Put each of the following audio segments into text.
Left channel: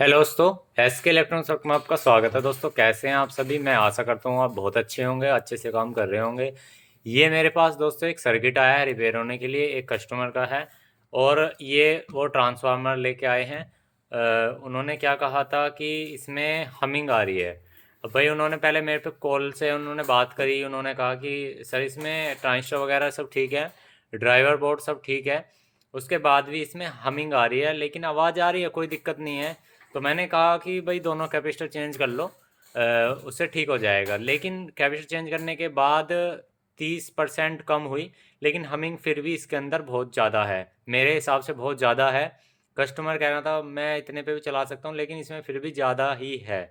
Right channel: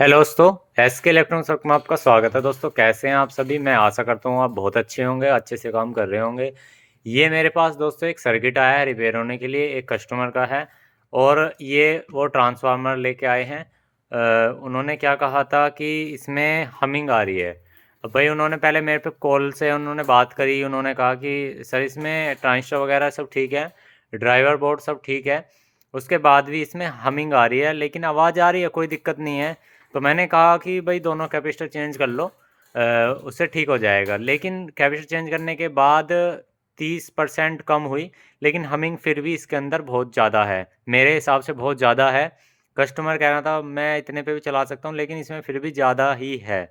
Hello दोस्तों, SK electronics work में आपका स्वागत है। दोस्तों कैसे हैं आप सभी। मैं आशा करता हूँ आप बहुत अच्छे होंगे, अच्छे से काम कर रहे होंगे। ये मेरे पास दोस्तों एक सर्किट आया है रिपेयर होने के लिए, एक कस्टमर का है। और ये वो ट्रांसफार्मर लेके आए हैं। उन्होंने क्या कहा था कि इसमें हमिंग आ रही है। अब भाई उन्होंने पहले मेरे पे कॉल से उन्होंने बात करी। उन्होंने कहा कि सर इसमें ट्रांजिस्टर वगैरह सब ठीक है, ड्राइवर बोर्ड सब ठीक है, उसके बाद भी इसमें हमिंग आ रही है, लेकिन आवाज़ आ रही है, कोई दिक्कत नहीं है। तो मैंने कहा कि भाई दोनों कैपेसिटर चेंज कर लो, उससे ठीक हो जाएगा। लेकिन कैपेसिटर चेंज करने के बाद 30% कम हुई, लेकिन हमिंग फिर भी इसके अंदर बहुत ज़्यादा है, मेरे हिसाब से बहुत ज़्यादा है। कस्टमर कह रहा था मैं इतने पे भी चला सकता हूँ, लेकिन इसमें फिर भी ज़्यादा ही है।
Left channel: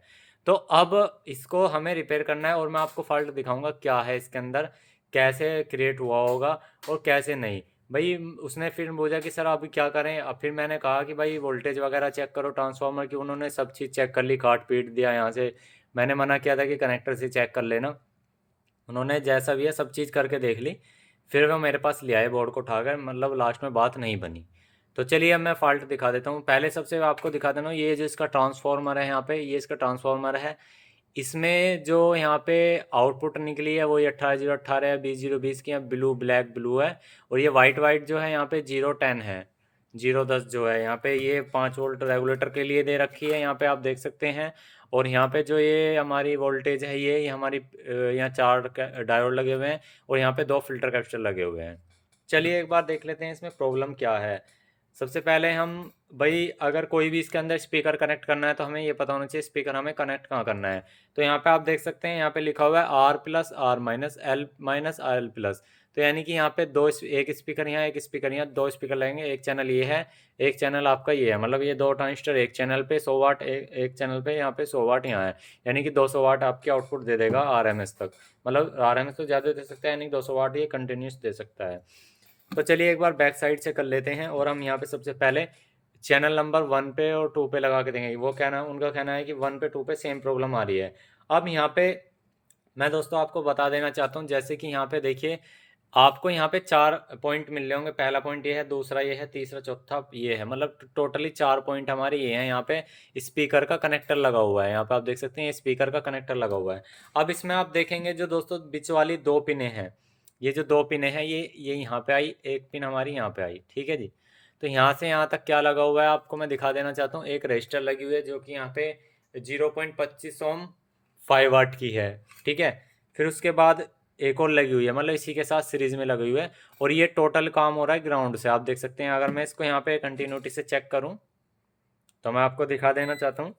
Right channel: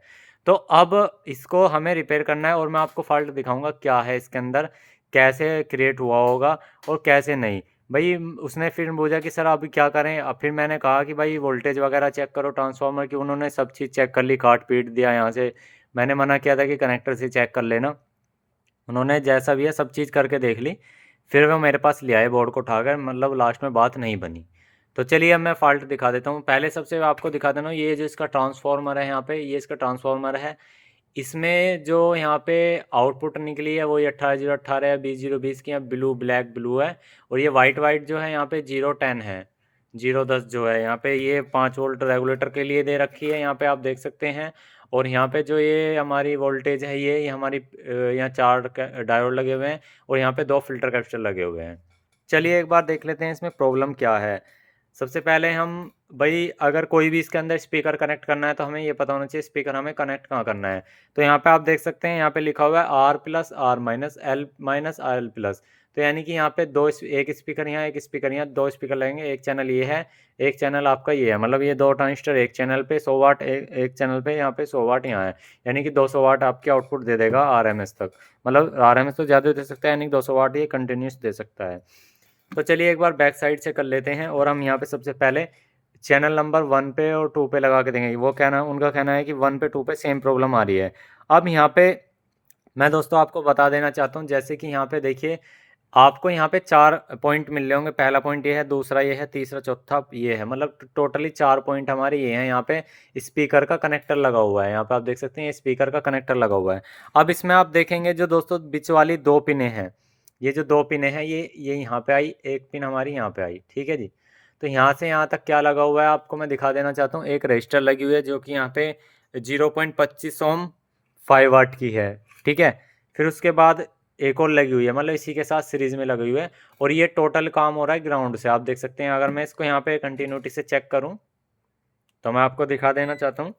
तो अब इसको हमें रिपेयर करना है और मैं आपको फॉल्ट दिखाऊंगा क्या है इसके अंदर, कैसे क्रिएट हुआ होगा और कैसे नहीं। भाई उसने फिर पूछा कि सर अभी क्या करें। अब फिर मैंने कहा कि भाई वोल्टेज वगैरह चेक करो ट्रांसफार्मर की। उन्होंने सब चीज़ चेक कर ली, काट पीट दिया यहाँ से। मैंने मना किया था कि कनेक्टर से चेक कर लेना। उन्होंने जैसा भी है सब चीज़ करके देख ली। फिर वो मेरे पास ले आए बोर्ड को उठाकर, मतलब लास्ट में बात नहीं बनी। तो चलिए अब मैं फ़ाल्ट दिखा देता हूँ। पहले सबसे आपको दिखा देना, ये जो इसका ट्रांसफार्मर है यहाँ पे, ये इसका ट्रांसफार्मर है। इसमें जो यहाँ पे आउटपुट निकली है वो ये 18 0 18 है, 20 0 20 की है, ब्लू ब्लैक ब्लू है। और ये वाइट वाइट जो है यहाँ पे 0 10 है, 0 10 जो है यहाँ पे, ये 5 वोल्ट रेगुलेटर के लिए दे रखी है, यहाँ पे आप देख सकते हैं। और यहाँ पे जो ये हमारी वोल्टेज है, ये हमारी यहाँ 4 डायोड लगे हुए हैं और यहाँ पे 2 फिल्टर कैपेसिटर लगे हुए हैं। चलिए एक बार देख लेते हैं इसमें प्रॉब्लम क्या है। सबसे पहले हम, भाई अगर कोई भी इसके अंदर स्पीकर कनेक्ट करना है तो हमें ये पता होना चाहिए स्पीकर हमें कनेक्ट कहाँ करना है। तो यहाँ पे आप देख सकते हैं, यहाँ पे लिखा हुआ है R+R-L-L+। तो यानी कि यहाँ पे एक स्पीकर यहाँ, एक स्पीकर यहाँ, 2 स्पीकर लगेंगे। एक चैनल ये है, एक चैनल आपका ये है, मतलब ये 2 ट्रांजिस्टर एक चैनल पे 100 वाट, एक चैनल पे यहाँ पे 100 वाट यहाँ है। यानी कि 200 वाट आपकी आउटपुट दे देगा RMS तक। मतलब RMS तो ज़्यादा दे सकता है, यानी कि 200 वाट ये कंटिन्यूस दे सकता है। तो चलिए एक बार बैक साइड से कर लेते हैं। और हम यहाँ पे सबसे पहले चैनल नंबर 1 पे और 2 पे लगा के देंगे। वो कहना, उनका कहना है कि 1 पे 2 पे सेम प्रॉब्लम आ रही है। अब यहाँ पे मैं दोस्तों आपको बता देना चाहता हूँ, जैसे कि यहाँ पे देखिए, आपको यहाँ पे 4 पॉइंट मिल रहे होंगे। पहला पॉइंट ये है, दूसरा ये है, तीसरा चौथा ये है, मतलब टोटली 4 पॉइंट हमारे ये हैं। यहाँ पे स्पीकर का कनेक्टर लगा हुआ है, यहाँ पे आप देख सकते हैं ये स्पीकर का कनेक्टर लगा हुआ है। अब इसमें आप देखेंगे जो दोस्तों बीच वाली 2 पिनें हैं, ये जो 2 पिनें हैं, ये यहाँ पे आई, एक पिन हमारी यहाँ पे आई, ठीक है जी। तो यहाँ से यहाँ तक क्या लगा हुआ है आपको मैं दिखा देना चाहता हूँ। एक रजिस्टर लगी हुई है जो कि यहाँ पे 0.25 ओम 5 वाट की है, ठीक है। फिर उसके बाद एक और लगी हुई है, मतलब इसी के साथ सीरीज में लगी हुई है। और ये टोटल काम हो रहा है ग्राउंड से, आप देख सकते हैं। अगर मैं इसको यहाँ पे कंटिन्यूटी से चेक करूँ तो मैं आपको दिखा देना चाहता हूँ।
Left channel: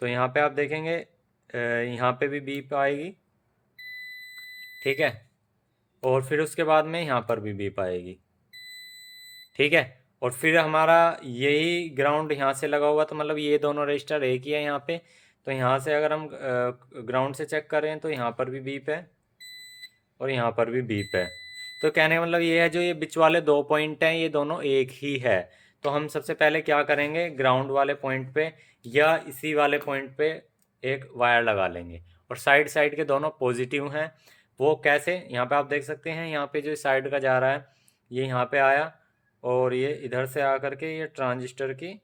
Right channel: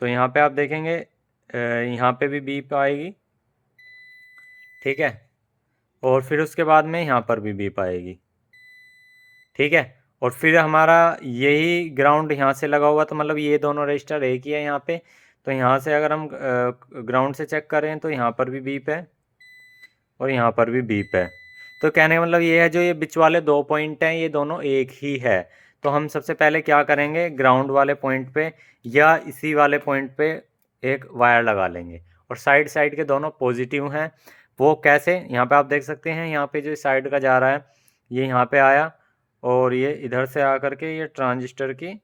तो यहाँ पे आप देखेंगे, यहाँ पे भी बीप आएगी, ठीक है। और फिर उसके बाद में यहाँ पर भी बीप आएगी, ठीक है। और फिर हमारा यही ग्राउंड यहाँ से लगा हुआ, तो मतलब ये दोनों रजिस्टर एक ही है यहाँ पे। तो यहाँ से अगर हम ग्राउंड से चेक करें तो यहाँ पर भी बीप है और यहाँ पर भी बीप है। तो कहने का मतलब ये है, जो ये बीच वाले 2 पॉइंट हैं ये दोनों एक ही है। तो हम सबसे पहले क्या करेंगे, ग्राउंड वाले पॉइंट पे या इसी वाले पॉइंट पे एक वायर लगा लेंगे। और साइड साइड के दोनों पॉजिटिव हैं। वो कैसे, यहाँ पे आप देख सकते हैं, यहाँ पे जो साइड का जा रहा है ये यहाँ पे आया, और ये इधर से आकर के ये ट्रांजिस्टर की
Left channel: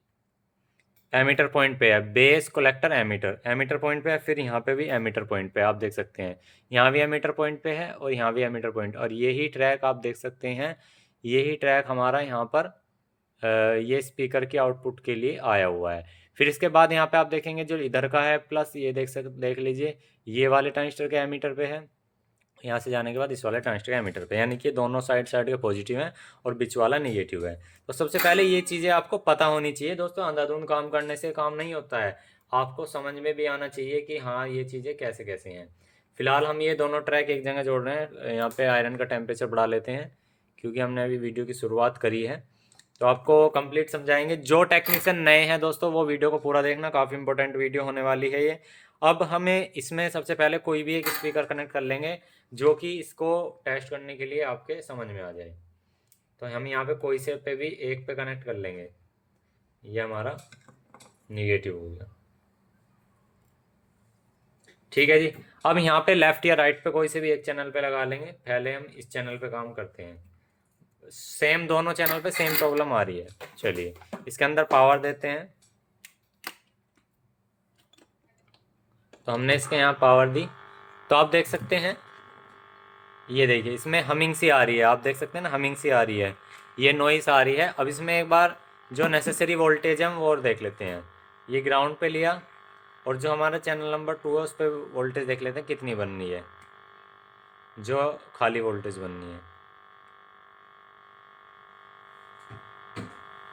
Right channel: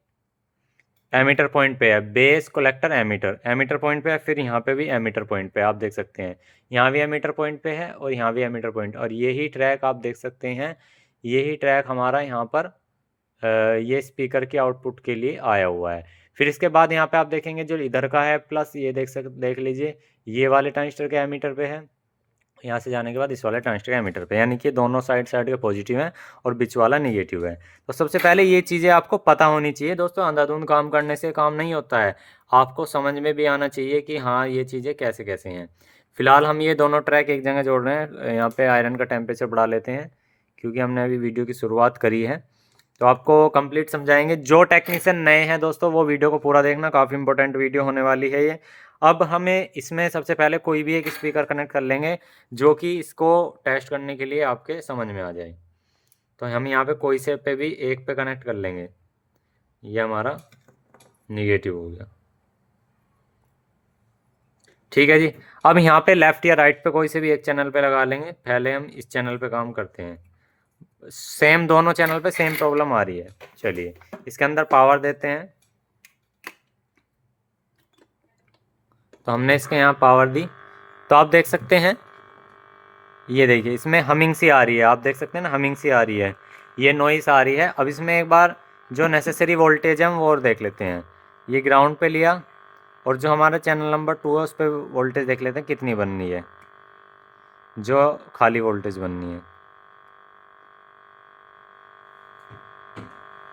एमीटर पॉइंट पे है। Base collector emitter, emitter point पे है। फिर यहाँ पे भी एमीटर पॉइंट पे आप देख सकते हैं, यहाँ भी एमीटर पॉइंट पे है और यहाँ भी एमीटर पॉइंट। और यही ट्रैक आप देख सकते हैं, यही ट्रैक हमारा यहाँ पर ये स्पीकर के आउटपुट के लिए आया हुआ है। फिर इसके बाद यहाँ पे आप देखेंगे जो इधर का है प्लस, ये देख लीजिए, ये वाले ट्रांजिस्टर के एमीटर पे है। यहाँ से जाने के बाद इस वाले ट्रांजिस्टर एमीटर पे, यानी कि दोनों साइड साइड के पॉजिटिव हैं और बीच वाला नेगेटिव है। तो सबसे पहले ये चीज़ें आपको पता होनी चाहिए दोस्तों। अंधाधुंध काम करने से काम नहीं होता है, आपको समझ में भी आना चाहिए कि हाँ ये चीज़ें कैसे कैसे हैं। फिलहाल हम ये दोनों ट्रैक एक जगह जोड़ रहे हैं। यहाँ पे आयरन का टेम्परेचर बढ़ा लेते हैं, क्योंकि हमने अभी वीडियो की शुरुआत करी है। तो आपको कंप्लीट समझाएंगे। जो टेक्नीशियन नए हैं दोस्तों वो वीडियो को पूरा देखना, काफ़ी इंपॉर्टेंट वीडियो होने वाली है ये। अब हमें इसमें सबसे पहले कोई भी एक स्पीकर कनेक्ट कर लेंगे जो कि इसको टेस्ट करने के लिए आपके समझ में आ जाए। तो हम यहाँ पे कोई से पे भी एक पे कनेक्ट कर लेंगे, ये हमारा निगेटिव हो गया, ठीक है जी। अब यहाँ पे लेफ्ट या राइट पे कोई से भी एक चैनल पे लगा लेंगे। पहले हम इस चैनल पे काम करते हैं। सेम दोनों चैनल पे सेम प्रॉब्लम आ रही है। चलिए इसके अंदर पावर देते हैं। तो हमने इसके यहाँ पावर दी, तो आप देख सकते हैं ये देखिए इसमें हमिंग सी आ रही है, आप देख सकते हैं ना हमिंग सी आ रही है, ये नॉइस आ रही है। अब इसमें एक बार जो नेसेसरी वोल्टेज है हम वो और देख लेते हैं। ये ग्राउंड पे लिया और जो हमारा चैनल नंबर 2 है उस पर वोल्टेज देख लेते हैं कितनी बननी है, जो खाली वोल्टेज बननी है।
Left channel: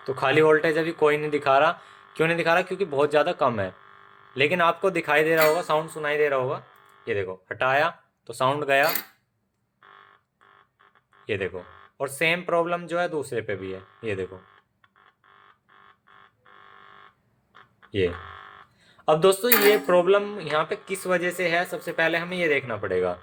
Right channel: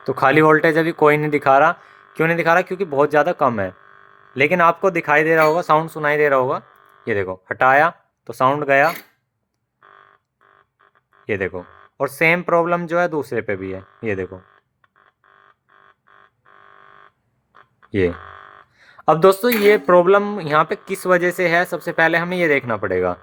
तो खाली वोल्टेज अभी कोई नहीं दिखा रहा, क्यों नहीं दिखा रहा, क्योंकि बहुत ज़्यादा कम है। लेकिन आपको दिखाई दे रहा होगा, साउंड सुनाई दे रहा होगा। ये देखो हटाया तो साउंड गया, ये देखो। और सेम प्रॉब्लम जो है दूसरे पे भी है, ये देखो ये। अब दोस्तों ये प्रॉब्लम यहाँ पे किस वजह से है, सबसे पहले हमें ये देखना पड़ेगा।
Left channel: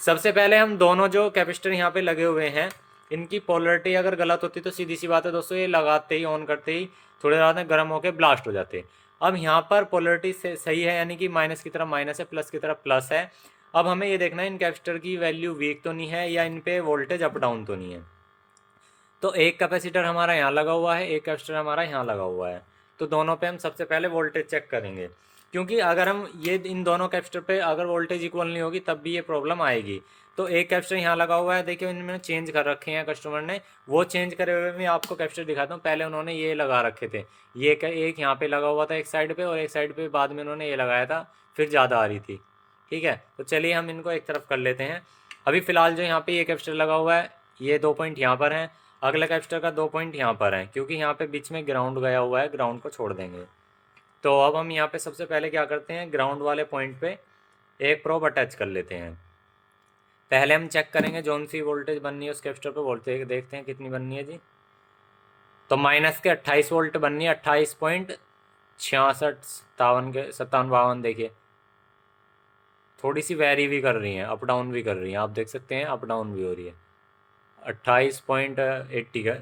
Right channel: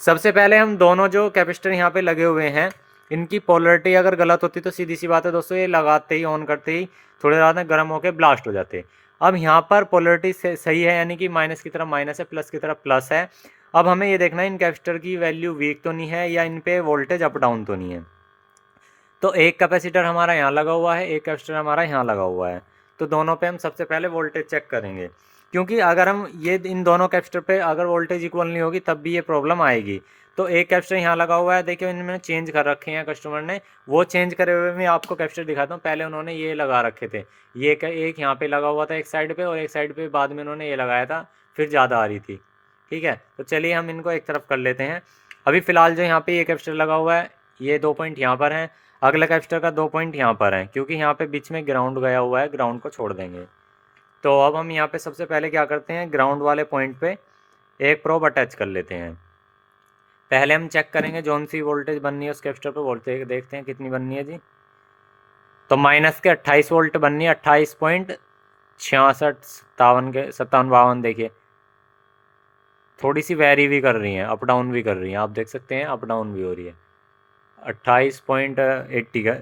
सबसे पहले हम दोनों जो कैपेसिटर यहाँ पे लगे हुए हैं इनकी पोलरिटी अगर गलत होती तो सीधी सी बात है दोस्तों, ये लगाते ही ऑन करते ही थोड़ी देर बाद गर्म होकर ब्लास्ट हो जाते। अब यहाँ पर पोलरिटी सही है, यानी कि माइनस की तरफ माइनस है, प्लस की तरफ प्लस है। अब हमें ये देखना है इन कैपेसिटर की वैल्यू वीक तो नहीं है या इन पे वोल्टेज अप डाउन तो नहीं है। तो एक कैपेसिटर हमारा यहाँ लगा हुआ है, एक कैपेसिटर हमारा यहाँ लगा हुआ है, तो दोनों पे हम सबसे पहले वोल्टेज चेक करेंगे। क्योंकि अगर हम ये इन दोनों कैपेसिटर पे अगर वोल्टेज इक्वल नहीं होगी तब भी ये प्रॉब्लम आएगी। तो एक कैपेसिटर यहाँ लगा हुआ है, देखिए इन्होंने चेंज कर रखे हैं कस्टमर ने, वो चेंज करे हुए मैं आपको कैपेसिटर दिखाता हूँ। पहले उन्होंने ये लगा रखे थे, ये एक यहाँ पे लगा हुआ था एक साइड पे, और एक साइड पे बाद में उन्होंने ये लगाया था, फिर ज़्यादा आ रही थी। ठीक है, तो चलिए हम इनको एक तरफ कर लेते हैं। अभी फ़िलहाल जो यहाँ पे ये कैपेसिटर लगा हुआ है, ये 2 पॉइंट यहाँ पर हैं, अगला कैपेसिटर का 2 पॉइंट यहाँ पर है, क्योंकि यहाँ पे बीच में ग्राउंड गया हुआ है, ग्राउंड को छोड़ देंगे। तो अब हम यहाँ पे सबसे पहले क्या करते हैं, ग्राउंड वाले पॉइंट पे एक प्रोब अटैच कर लेते हैं। पहले हम चेक करेंगे जौन सी वोल्टेज बननी है उस कैपेसिटर पे, वोल्टेज देखते हैं कितनी बननी है जी। तो माइनस के 28 वोल्ट बननी है, 28.66 के 57 देखिए थोड़ी सी वेरी भी कर रही हैं, अप डाउन भी कर रही हैं, आप देख सकते हैं अप डाउन भी हो रही है। 28.80 का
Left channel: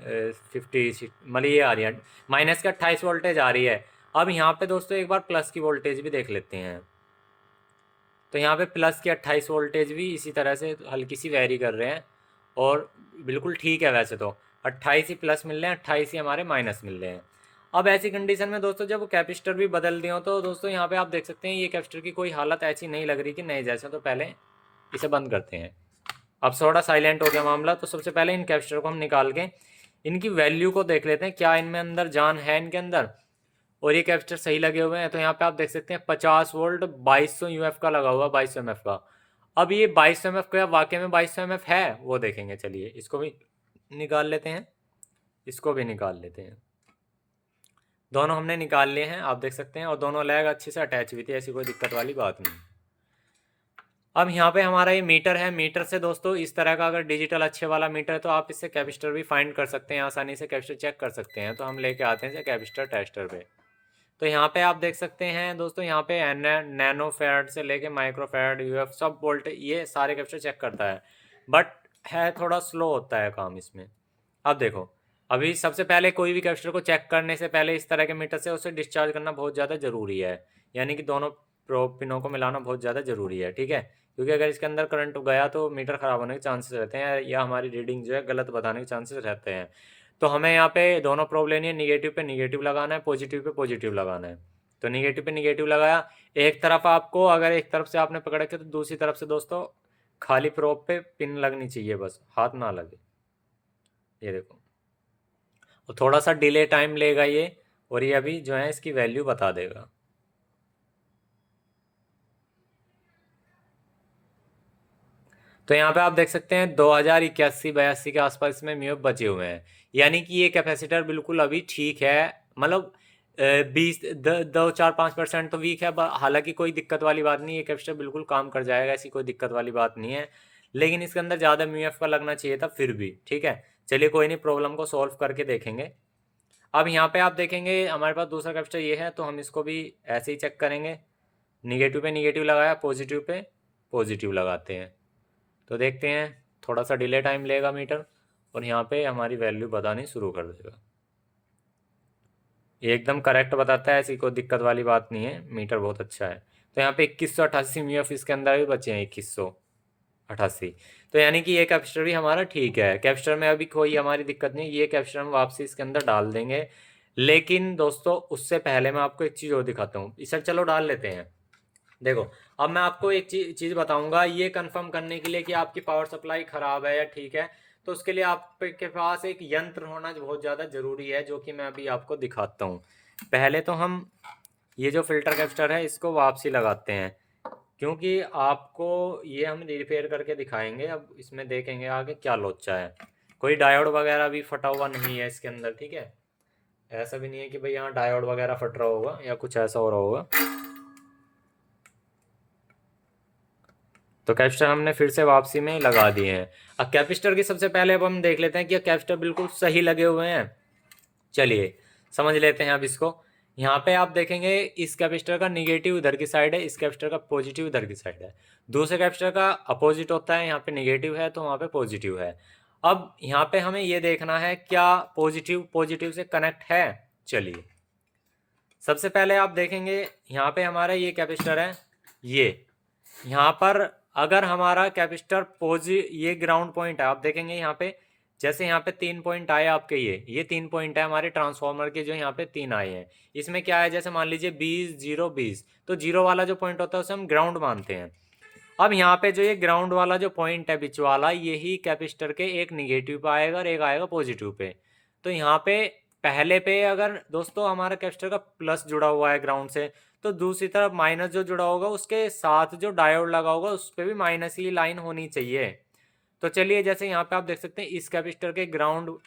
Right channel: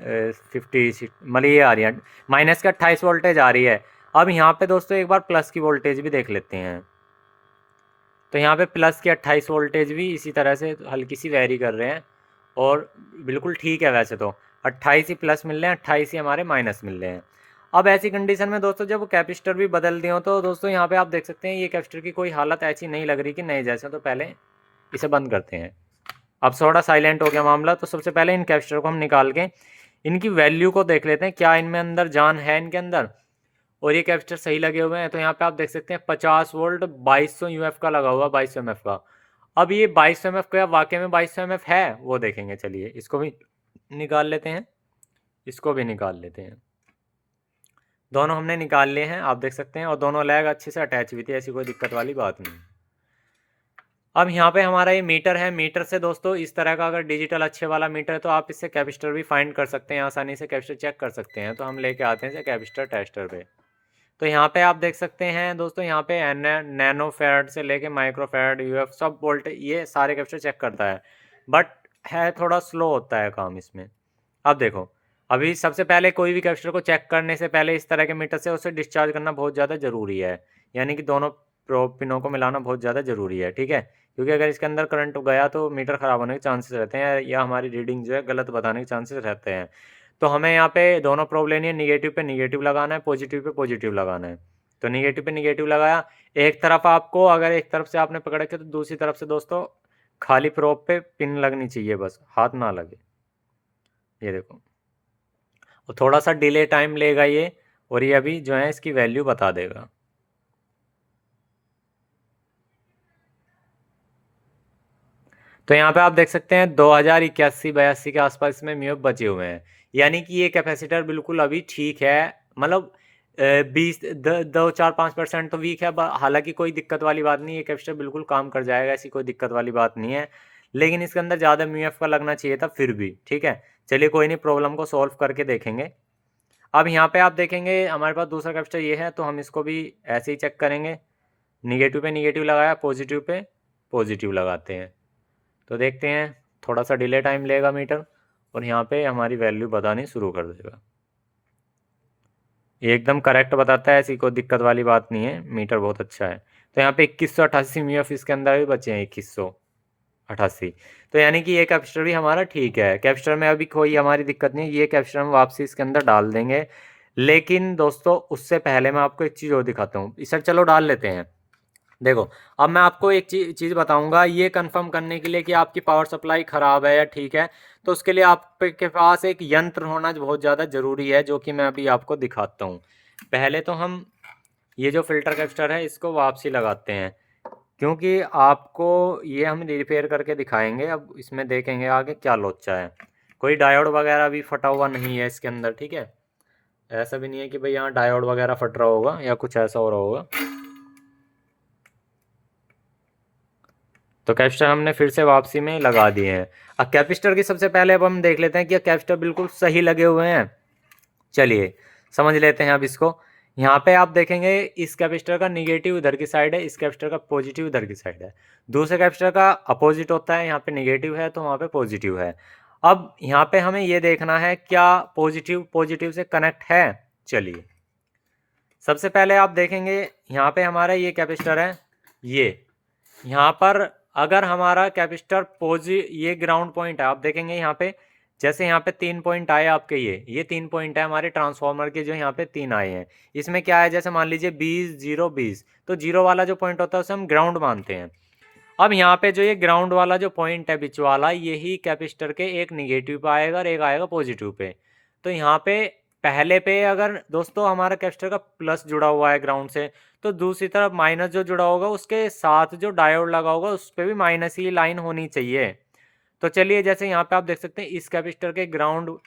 50 मतलब ये आ रही है, माइनस का 28 वोल्टेज आ रही है। अब यहाँ पे दोस्तों एक बार प्लस की वोल्टेज भी देख लेते हैं। तो यहाँ पे प्लस की 28 वोल्टेज भी इसी तरह से हल्की सी वेरी कर रहे हैं, और बिल्कुल ठीक है। वैसे तो 28 ही प्लस मिल रहे हैं, 28 ही हमारे माइनस मिल रहे हैं। अब ऐसी कंडीशन में दोस्तों जब कैपेसिटर भी बदल दिए हो तो दोस्तों यहाँ पे आप देख सकते हैं ये कैपेसिटर की कोई हालत ऐसी नहीं लग रही कि नए जैसे। तो पहले इसे बंद करते हैं। अब थोड़ा साइलेंट हो गया मामला, तो सबसे पहले इन कैपेसिटर को हम निकाल के इनकी वैल्यू को देख लेते हैं, क्या इनमें अंदर जान है इनके अंदर। और ये कैपेसिटर सही लगे हुए हैं, तो यहाँ पे आप देख सकते हैं 50 वोल्ट 2200 यूएफ का लगा हुआ, 2200 एमएफ का। अब ये 2200 एमएफ का वाकई में 2200 एमएफ है वो देखेंगे। चलिए इसको भी निकाल लेते हैं, इसको भी निकाल लेते हैं। दोनों हमने निकाल लिए हैं, आप देख सकते हैं, और दोनों लैग अच्छे से अटैच हुई थी, ऐसी कोई दिक्कत वाली बात नहीं। अब यहाँ पे हमारा ये मीटर है, मीटर से दोस्तों इस तरह का अगर डिजिटल अच्छे वाला मीटर है तो आप इससे कैपेसिटर भी फाइंड कर सकते हैं, आसानी से कैपेसिटर चेक कर सकते हैं। तो हम लेके आते हैं कैपेसिटर टेस्टर पे। तो यहाँ पे आप देख सकते हैं दोस्तों, यहाँ पे नैनो फेराड से लेके माइक्रो फेराड यूएफ सब वोल्ट ये सारे कैपेसिटर चेक करता है, बट है थोड़ा स्लो होता है काम इसमें। अब देखो, अभी सबसे पहले कोई भी कैपेसिटर को चेक करने से पहले इस तरह के मीटर से उसे डिस्चार्ज करना बहुत ज़्यादा ज़रूरी है, यानी कि दोनों प्रोब पिनों को मिलाना बहुत ज़्यादा ज़रूरी है। ठीक है, क्योंकि अगर इसके अंदर करंट गया तो मीटर ख़राब होने के चांसेस रहते हैं, या हमारी रीडिंग जो है गलत बताने के चांसेस रहते हैं। तो हमें यहाँ पे दोनों प्रोब लेनी है, निगेटिव पे निगेटिव लगाना है, पॉजिटिव पे पॉजिटिव लगाना है। तो निगेटिव पे निगेटिव लगाया, एक तरफ आपको अगर एक तरफ से आपने पकड़ के तो दूसरी तरफ से दोस्तों खाली प्रोब पे पिन लगनी चाहिए, बस हाथ ना लगे। ये देखो, और थोड़ा सा डिले टाइम लेगा ये, और ये अभी जो है इसकी वैल्यू बता देगा। तो यहाँ पे आप देख सकते हैं 2081-82 के आसपास इसमें म्यूएफ बचे हुए हैं, यानी कि ये कैपेसिटर बिल्कुल अभी ठीक है। मतलब 2-4-5% तो वीक है, हालांकि कोई दिक्कत वाली बात नहीं, ये कैपेसिटर बिल्कुल काम कर जाएगा, ऐसी कोई दिक्कत वाली बात नहीं है। लेकिन इसके अंदर ज़्यादा म्यूएफ का लगना चाहिए था फिर भी। ठीक है, चलिए कोई नहीं, प्रॉब्लम को सॉल्व करके देखेंगे। अब यहाँ पे आप देखेंगे हमारे पास दूसरा कैपेसिटर ये है, तो हम इसको भी ऐसे ही चेक करेंगे। निगेटिव पे निगेटिव लगाया, पॉजिटिव पे पॉजिटिव लगाते हैं, तो देखते हैं थोड़ा सा डिले टाइम लेगा मीटर, और यहाँ पे हमारी वैल्यू बतानी शुरू कर देगा। ये एकदम करेक्ट बताता है, ऐसी कोई दिक्कत वाली बात नहीं है, मीटर बहुत अच्छा है। तो यहाँ पे 2188 म्यूएफ इसके अंदर भी बचे हैं, 2188। तो यानी कि ये कैपेसिटर भी हमारा ठीक है, कैपेसिटर में अभी कोई हमारी दिक्कत नहीं है। ये कैपेसिटर हम वापसी इसके अंदर डाल देंगे। लेकिन दोस्तों उससे पहले मैं आपको एक चीज़ और दिखाता हूँ, इसे चलो डाल लेते हैं। देखो, अब मैं आपको एक चीज़ बताऊंगा, ये कंफर्म करने के लिए कि आपकी पावर सप्लाई खराब है या ठीक है, तो उसके लिए आपके पास एक यंत्र होना बहुत ज़्यादा ज़रूरी है, जो कि मैं अभी आपको दिखाता हूँ। पहले तो हम ये जो फिल्टर कैपेसिटर है इसको वापसी लगाते हैं, क्योंकि आपको ये हम रिपेयर करके दिखाएंगे। अब इसमें देखेंगे आगे क्या लोचा है। कोई डायोड वगैरह भी फटा हुआ नहीं है इसके अंदर, ठीक है। ऐसा भी नहीं है कि भाई यहाँ डायोड वगैरह फट रहा होगा या कुछ ऐसा हो रहा होगा। तो कैपेसिटर हमने फिर से वापसी में लगा दिए हैं। अब कैपेसिटर की सबसे पहले अब हम देख लेते हैं कि कैपेसिटर बिल्कुल सही लगे हुए हैं। चलिए समझ लेते हैं अब इसको। यहाँ पे आप देखेंगे इस कैपेसिटर का निगेटिव इधर की साइड है, इस कैपेसिटर का पॉजिटिव इधर की साइड है। दूसरे कैपेसिटर का अपोजिट होता है, यहाँ पे निगेटिव है तो वहाँ पे पॉजिटिव है। अब यहाँ पे हमें ये देखना है क्या पॉजिटिव पॉजिटिव से कनेक्ट है। चलिए सबसे पहले आप देखेंगे यहाँ पे हमारा ये कैपेसिटर है, ये यहाँ पर अगर हमारा कैपेसिटर ये ग्राउंड पॉइंट है, आप देखेंगे यहाँ पे जैसे यहाँ पे 3 पॉइंट आए आपके, ये 3 पॉइंट है हमारे ट्रांसफार्मर के, जो यहाँ पे 3 आए हैं। इसमें क्या है, जैसे मान लीजिए 20 0 20, तो जीरो वाला जो पॉइंट होता है उसे हम ग्राउंड मानते हैं। अब यहाँ पे जो ये ग्राउंड वाला जो पॉइंट है बीच वाला, यही कैपेसिटर के एक निगेटिव पे आएगा और एक आएगा पॉजिटिव पे। तो यहाँ पे पहले पे अगर दोस्तों हमारा कैपेसिटर का प्लस जुड़ा हुआ है ग्राउंड से, तो दूसरी तरफ माइनस जो जुड़ा होगा उसके साथ जो डायोड लगा होगा उस पर भी माइनस ही लाइन होनी चाहिए। तो चलिए जैसे यहाँ पे आप देख सकते हैं इस कैपेसिटर के ग्राउंड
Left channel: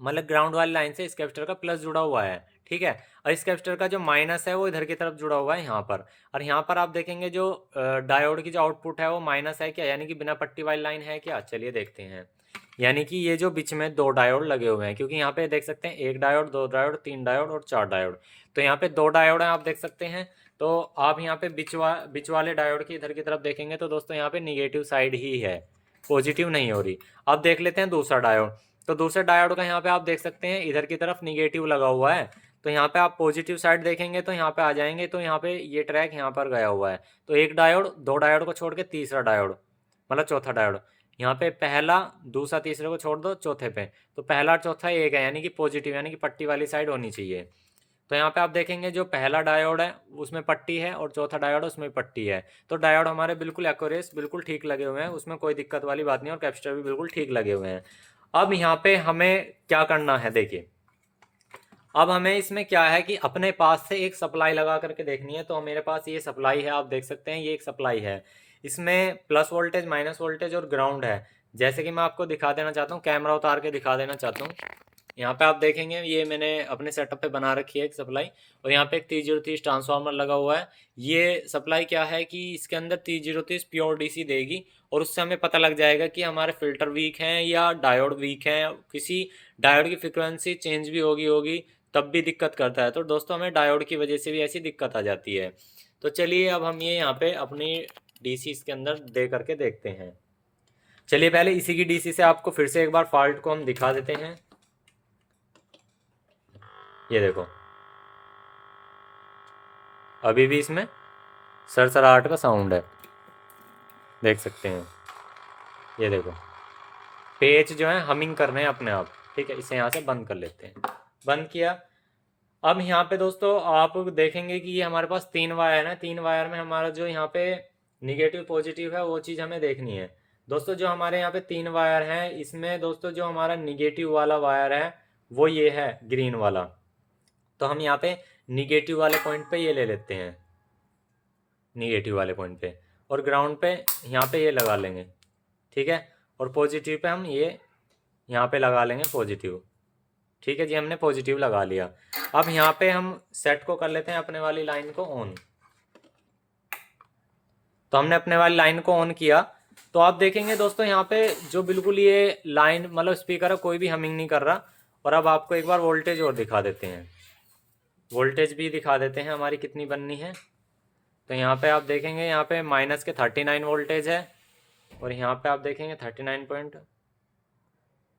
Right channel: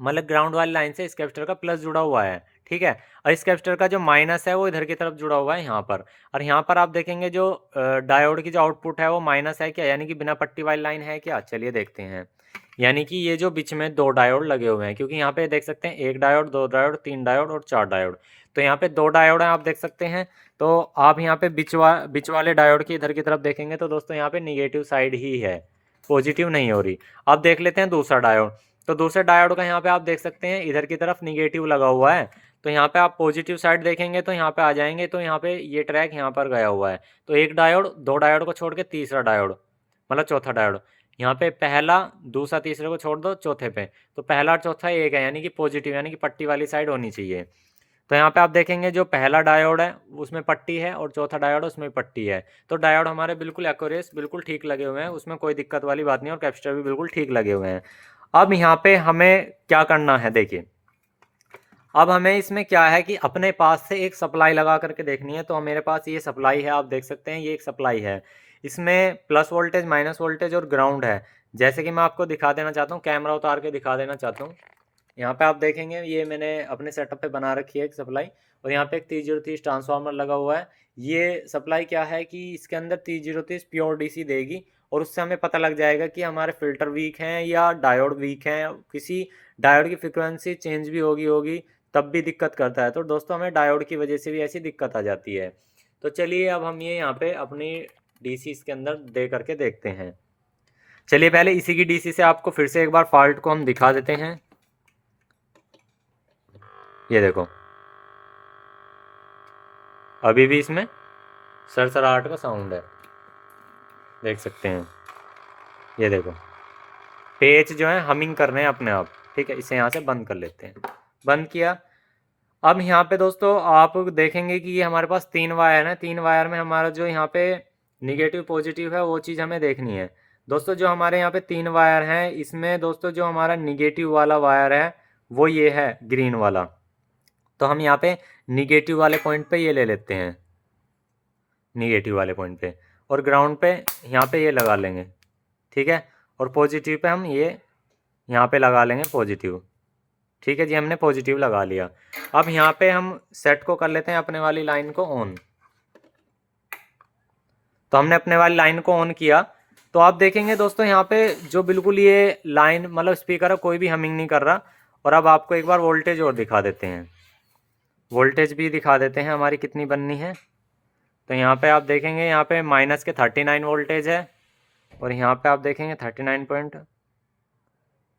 मतलब ग्राउंड वाली लाइन से इस कैपेसिटर का प्लस जुड़ा हुआ है, ठीक है। और इस कैपेसिटर का जो माइनस है वो इधर की तरफ जुड़ा हुआ है यहाँ पर। और यहाँ पर आप देखेंगे जो डायोड की जो आउटपुट है वो माइनस है क्या, यानी कि बिना पट्टी वाली लाइन है क्या। चलिए देखते हैं। यानी कि ये जो बीच में 2 डायोड लगे हुए हैं, क्योंकि यहाँ पे देख सकते हैं 1 डायोड 2 डायोड 3 डायोड और 4 डायोड। तो यहाँ पे 2 डायोड हैं आप देख सकते हैं। तो आप यहाँ पे बीच वाले डायोड की इधर की तरफ देखेंगे तो दोस्तों यहाँ पे निगेटिव साइड ही है, पॉजिटिव नहीं हो रही। अब देख लेते हैं दूसरा डायोड। तो दूसरे डायोड का यहाँ पे आप देख सकते हैं इधर की तरफ निगेटिव लगा हुआ है। तो यहाँ पे आप पॉजिटिव साइड देखेंगे तो यहाँ पे आ जाएंगे, तो यहाँ पे ये ट्रैक यहाँ पर गया हुआ है। तो एक डायोड 2 डायोड को छोड़ के तीसरा डायोड मतलब चौथा डायोड, यहाँ पे पहला दूसरा तीसरे को छोड़ दो चौथे पे, तो पहला और चौथा एक है, यानी कि पॉजिटिव, यानी कि पट्टी वाली साइड होनी चाहिए। तो यहाँ पे आप देखेंगे जो पहला डायोड है उसमें पट्टी है और चौथा डायोड उसमें पट्टी है। तो डायोड हमारे बिल्कुल एक्यूरेट बिल्कुल ठीक लगे हुए हैं, उसमें कोई दिक्कत वाली बात नहीं, और कैपेसिटर भी बिल्कुल ठीक लगे हुए हैं। अब यहाँ पे हमें क्या करना है, देखिए अब हमें इसमें क्या है कि अपने पास से एक सप्लाई लगा करके देखनी है। तो मेरे पास ये सप्लाई है, आप देख सकते हैं ये एक सप्लाई है, इसमें प्लस वोल्टेज माइनस वोल्टेज और ग्राउंड है। जैसे कि मैं आपको दिखा देना चाहता हूँ, कैमरा उतार के दिखा देना चाहता हूँ। यहाँ पे आप देखेंगे ये मैंने अपने सेटअप पे बना रखी है एक सप्लाई, और यहाँ पे एक 3030 ट्रांसफार्मर लगा हुआ है। ये सप्लाई क्या है कि इसके अंदर 3030 प्योर डीसी देगी, और उससे हमें पता लग जाएगा कि हमारे फिल्टर वीक हैं या डायोड वीक हैं। किसी डायोड की फ्रिक्वेंसी चेंज भी होगी तब भी दिक्कत करता है। तो दोस्तों हमें डायोड की वजह से भी ऐसी दिक्कत आ जाती है। तो चलिए अब हम ये यहाँ पे अपनी डीसी इसके अंदर दे करके देखते हैं। चलिए पहले इसी की डीसी से आपको फिर से एक बार फॉल्ट को हम दिखा देते हैं। ये देखो अभी भी इसमें सरसराहट का साउंड है, देख सकते हैं। ये देखो पेज जो है हमिंग कर रहे हैं अपने आप, ठीक है। इसे यहाँ से बंद कर लेते हैं, बंद किया। अब यहाँ पे दोस्तों आप देखेंगे कि ये हमारे पास 3 वायर हैं, 3 वायर में हमारा जो यहाँ पे निगेटिव पॉजिटिव है वो चीज़ हमें देखनी है। दोस्तों जो हमारे यहाँ पे 3 वायर हैं, इसमें दोस्तों जो हमारा निगेटिव वाला वायर है वो ये है ग्रीन वाला। तो हम यहाँ पे निगेटिव वाले पॉइंट पे ये ले लेते हैं, निगेटिव वाले पॉइंट पे, और ग्राउंड पे यहाँ पे ये लगा लेंगे, ठीक है। और पॉजिटिव पे हम ये यहाँ पे लगा लेंगे पॉजिटिव, ठीक है जी। हमने पॉजिटिव लगा लिया। अब यहाँ पे हम सेट को कर लेते हैं अपने वाली लाइन को ऑन। तो हमने अपने वाली लाइन को ऑन किया, तो आप देखेंगे दोस्तों यहाँ पे जो बिल्कुल ये लाइन मतलब स्पीकर है कोई भी हमिंग नहीं कर रहा। और अब आपको एक बार वोल्टेज और दिखा देते हैं, वोल्टेज भी दिखा देते हैं हमारी कितनी बननी है। तो यहाँ पे आप देखेंगे यहाँ पे माइनस के 39 वोल्टेज है, और यहाँ पे आप देखेंगे 39 पॉइंट,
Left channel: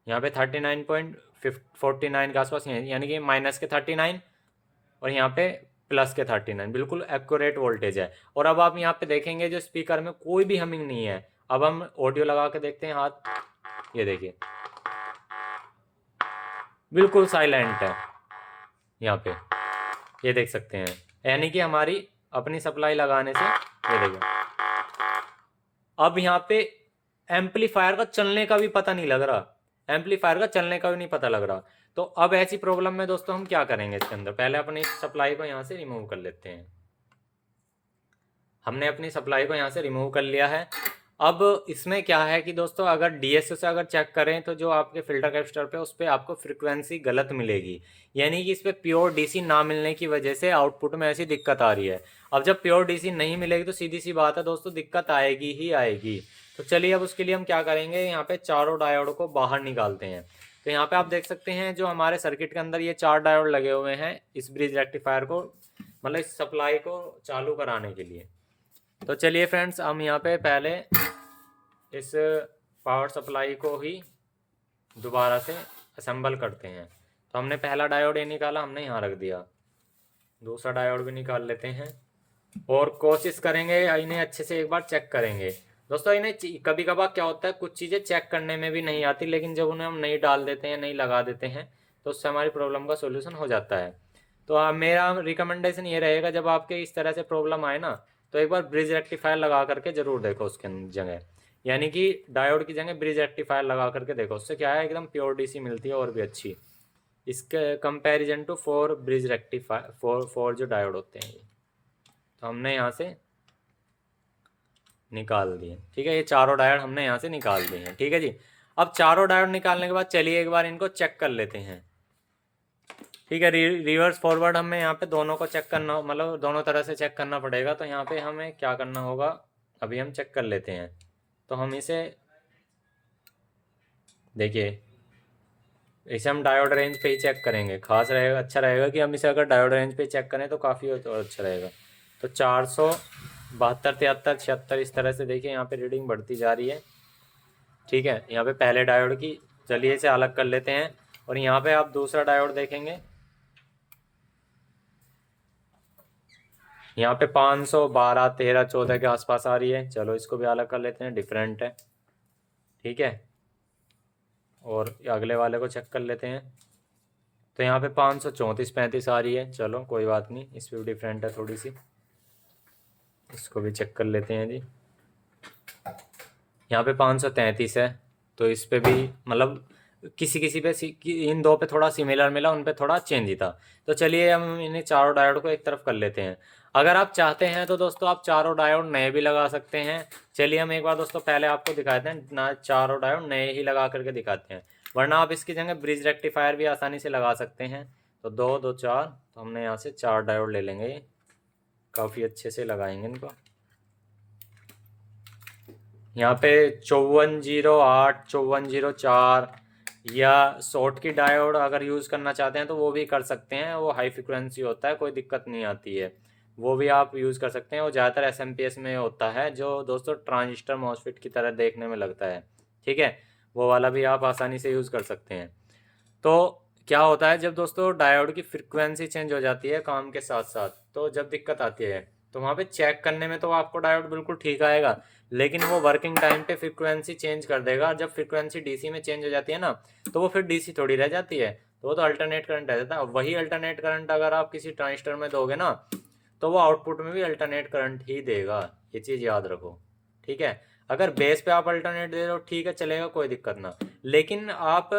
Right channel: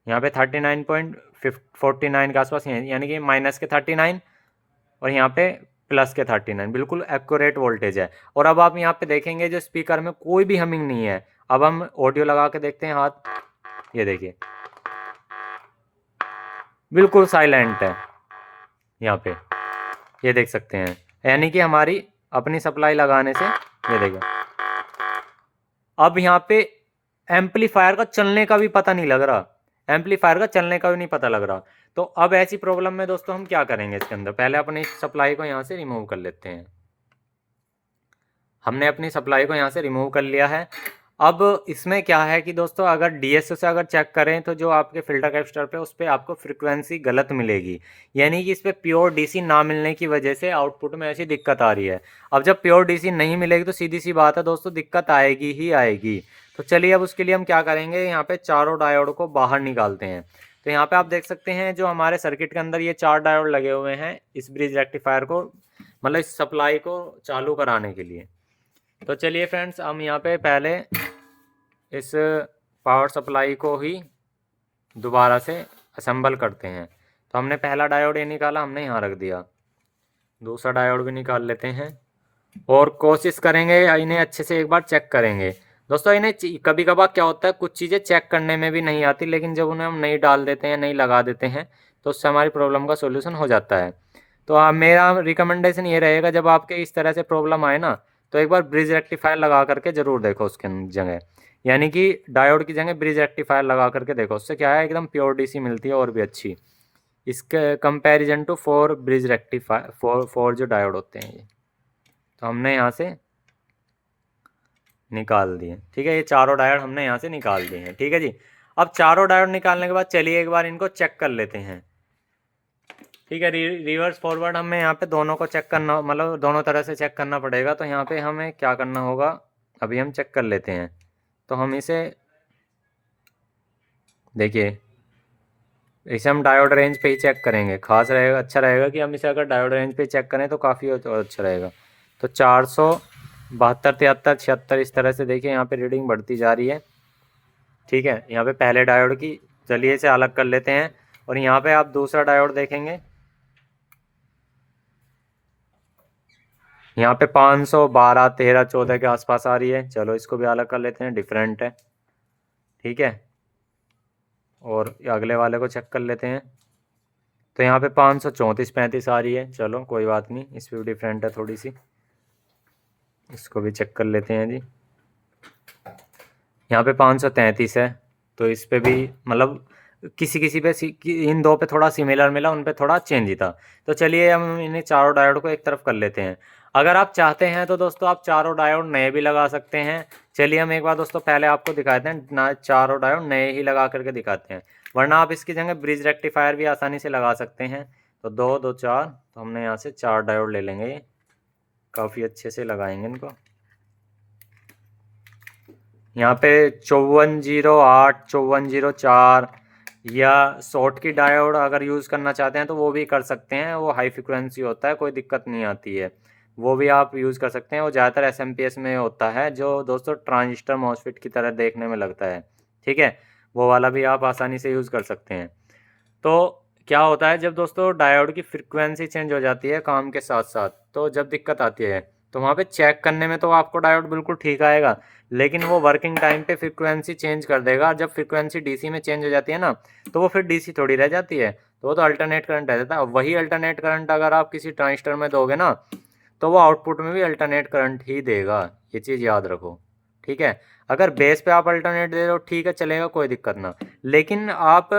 यहाँ पे 39.49 के आसपास है, यानी कि माइनस के 39 और यहाँ पे प्लस के 39, बिल्कुल एक्यूरेट वोल्टेज है। और अब आप यहाँ पे देखेंगे जो स्पीकर में कोई भी हमिंग नहीं है। अब हम ऑडियो लगा के देखते हैं हाथ, ये देखिए बिल्कुल साइलेंट है यहाँ पे, ये देख सकते हैं। यानी कि हमारी अपनी सप्लाई लगाने से ये देखिए अब यहाँ पे एम्पलीफायर का चलने का भी पता नहीं लग रहा, एम्पलीफायर का चलने का भी नहीं पता लग रहा। तो अब ऐसी प्रॉब्लम में दोस्तों हम क्या करेंगे, इसके अंदर पहले अपनी सप्लाई को यहाँ से रिमूव कर लेते हैं। हमने अपनी सप्लाई को यहाँ से रिमूव कर लिया है। अब इसमें क्या है कि दोस्तों अगर डीएसओ से अगर चेक करें तो जो आपके फिल्टर कैपेसिटर पे उस पर आपको फ्रीक्वेंसी गलत मिलेगी, यानी कि इस पर प्योर डीसी ना मिलने की वजह से आउटपुट में ऐसी दिक्कत आ रही है। अब जब प्योर डीसी नहीं मिलेगी तो सीधी सी बात है दोस्तों, दिक्कत आएगी ही आएगी। तो चलिए अब उसके लिए हम क्या करेंगे, यहाँ पे चारों डायोड को बाहर निकालते हैं। तो यहाँ पे आप देख सकते हैं जो हमारे सर्किट के अंदर ये 4 डायोड लगे हुए हैं इस ब्रिज रेक्टिफायर को, मतलब इस सप्लाई को चालू कराने के लिए। तो चलिए फ्रेंड्स हम यहाँ पे पहले इस पावर सप्लाई को ही दोबारा से असेंबल करते हैं। तो हमने पहला डायोड ये निकाला, हमने यहाँ रख दिया, दूसरा डायोड भी निकाल लेते हैं और कोशिश करेंगे इन्हें अच्छे से एक बार चेक करेंगे। दोस्तों इन्हें कभी कभार क्या होता है, कुछ चीज़ें चेक करने में भी नहीं आती, लेकिन जब उन्हें हम नहीं डाल देते हैं, नहीं लगा देते हैं, तो उससे हमारी प्रॉब्लम का सोल्यूशन हो जाता है। तो मेरा रिकमेंडेशन ये रहेगा, जब आपके इस तरह से प्रॉब्लम आए ना, तो एक बार ब्रिज रेक्टिफायर लगा करके ज़रूर देखो उसके जगह, यानी कि डायोड की जगह ब्रिज रेक्टिफायर लगा करके देखो। उससे क्या है, एकदम प्योर डीसी मिलती है और भी अच्छी, इसके कंपैरिजन टू 4 ब्रिज रेक्टिफायर 4 जो डायोड होते हैं ये। तो हमने यहाँ से निकाल दिए, ठीक है, ये चारों डायोड हमने यहाँ से निकाल दिए हैं, ठीक है जी। अब चारों डायोड निकालने के बाद चलिए एक बार इनको चेक कर लेते हैं, ठीक है। रिवर्स फॉरवर्ड हमें यहाँ पे दोनों को चेक करना, मतलब दोनों तरह से चेक करना पड़ेगा। तो यहाँ पे हमें क्या करना होगा, अभी हम चेक कर लेते हैं। तो हम इसे देखिए, इसे हम डायोड रेंज पे ही चेक करेंगे, खास रहेगा, अच्छा रहेगा कि हम इसे अगर डायोड रेंज पे चेक करें तो काफ़ी अच्छा रहेगा। तो 472, 73, 76 इस तरह से देखिए यहाँ पे रीडिंग बढ़ती जा रही है, ठीक है। यहाँ पे पहले डायोड की, चलिए इसे अलग कर लेते हैं। और यहाँ पे आप दूसरा डायोड देखेंगे, यहाँ पे 512, 13, 14 के आसपास आ रही है। चलो इसको भी अलग कर लेते हैं, डिफरेंट है, ठीक है। और अगले वाले को चेक कर लेते हैं। तो यहाँ पे 534, 35 आ रही है। चलो कोई बात नहीं, इस पर भी डिफरेंट है थोड़ी सी, इसको भी चेक कर लेते हैं जी। यहाँ पे 533 है, तो इस पे भी मतलब किसी किसी पे इन दो पे थोड़ा सिमिलर मिला, उन पे थोड़ा चेंज था। तो चलिए हम इन्हें चारों डायोड को एक तरफ कर लेते हैं। अगर आप चाहते हैं तो दोस्तों आप चारों डायोड नए भी लगा सकते हैं। चलिए हम एक बार दोस्तों पहले आपको दिखाते हैं ना, चारों डायोड नए ही लगा करके दिखाते हैं, वरना आप इसकी जगह ब्रिज रेक्टिफायर भी आसानी से लगा सकते हैं। तो 2, 2, 4, तो हमने यहाँ से 4 डायोड ले लेंगे, काफ़ी अच्छे से लगाएंगे इनको। यहाँ पे 5408, 5404 या शॉर्ट की डायोड अगर यूज़ करना चाहते हैं तो वो भी कर सकते हैं, वो हाई फ्रिक्वेंसी होता है, कोई दिक्कत नहीं आती है, वो भी आप यूज़ कर सकते हैं। वो ज़्यादातर एसएमपीएस में होता है, जो दोस्तों ट्रांजिस्टर मॉसफेट की तरह देखने में लगता है, ठीक है। वो वाला भी आप आसानी से यूज़ कर सकते हैं। तो क्या होता है, जब दोस्तों डायोड की फ्रिक्वेंसी चेंज हो जाती है काम के साथ साथ, तो जब दिक्कत आती है तो वहाँ पे चेक करने में तो आपको डायोड बिल्कुल ठीक आएगा, लेकिन वो वर्किंग टाइम पे फ्रिक्वेंसी चेंज कर देगा। जब फ्रिक्वेंसी डीसी में चेंज हो जाती है ना, तो वो फिर डीसी थोड़ी रह जाती है, तो वो तो अल्टरनेट करंट रह जाता है। वही अल्टरनेट करंट अगर आप किसी ट्रांजिस्टर में दोगे ना, तो वो आउटपुट में भी अल्टरनेट करंट ही देगा, ये चीज़ याद रखो, ठीक है। अगर बेस पे आप अल्टरनेट दे रहे हो, ठीक है, चलेगा, कोई दिक्कत ना, लेकिन आप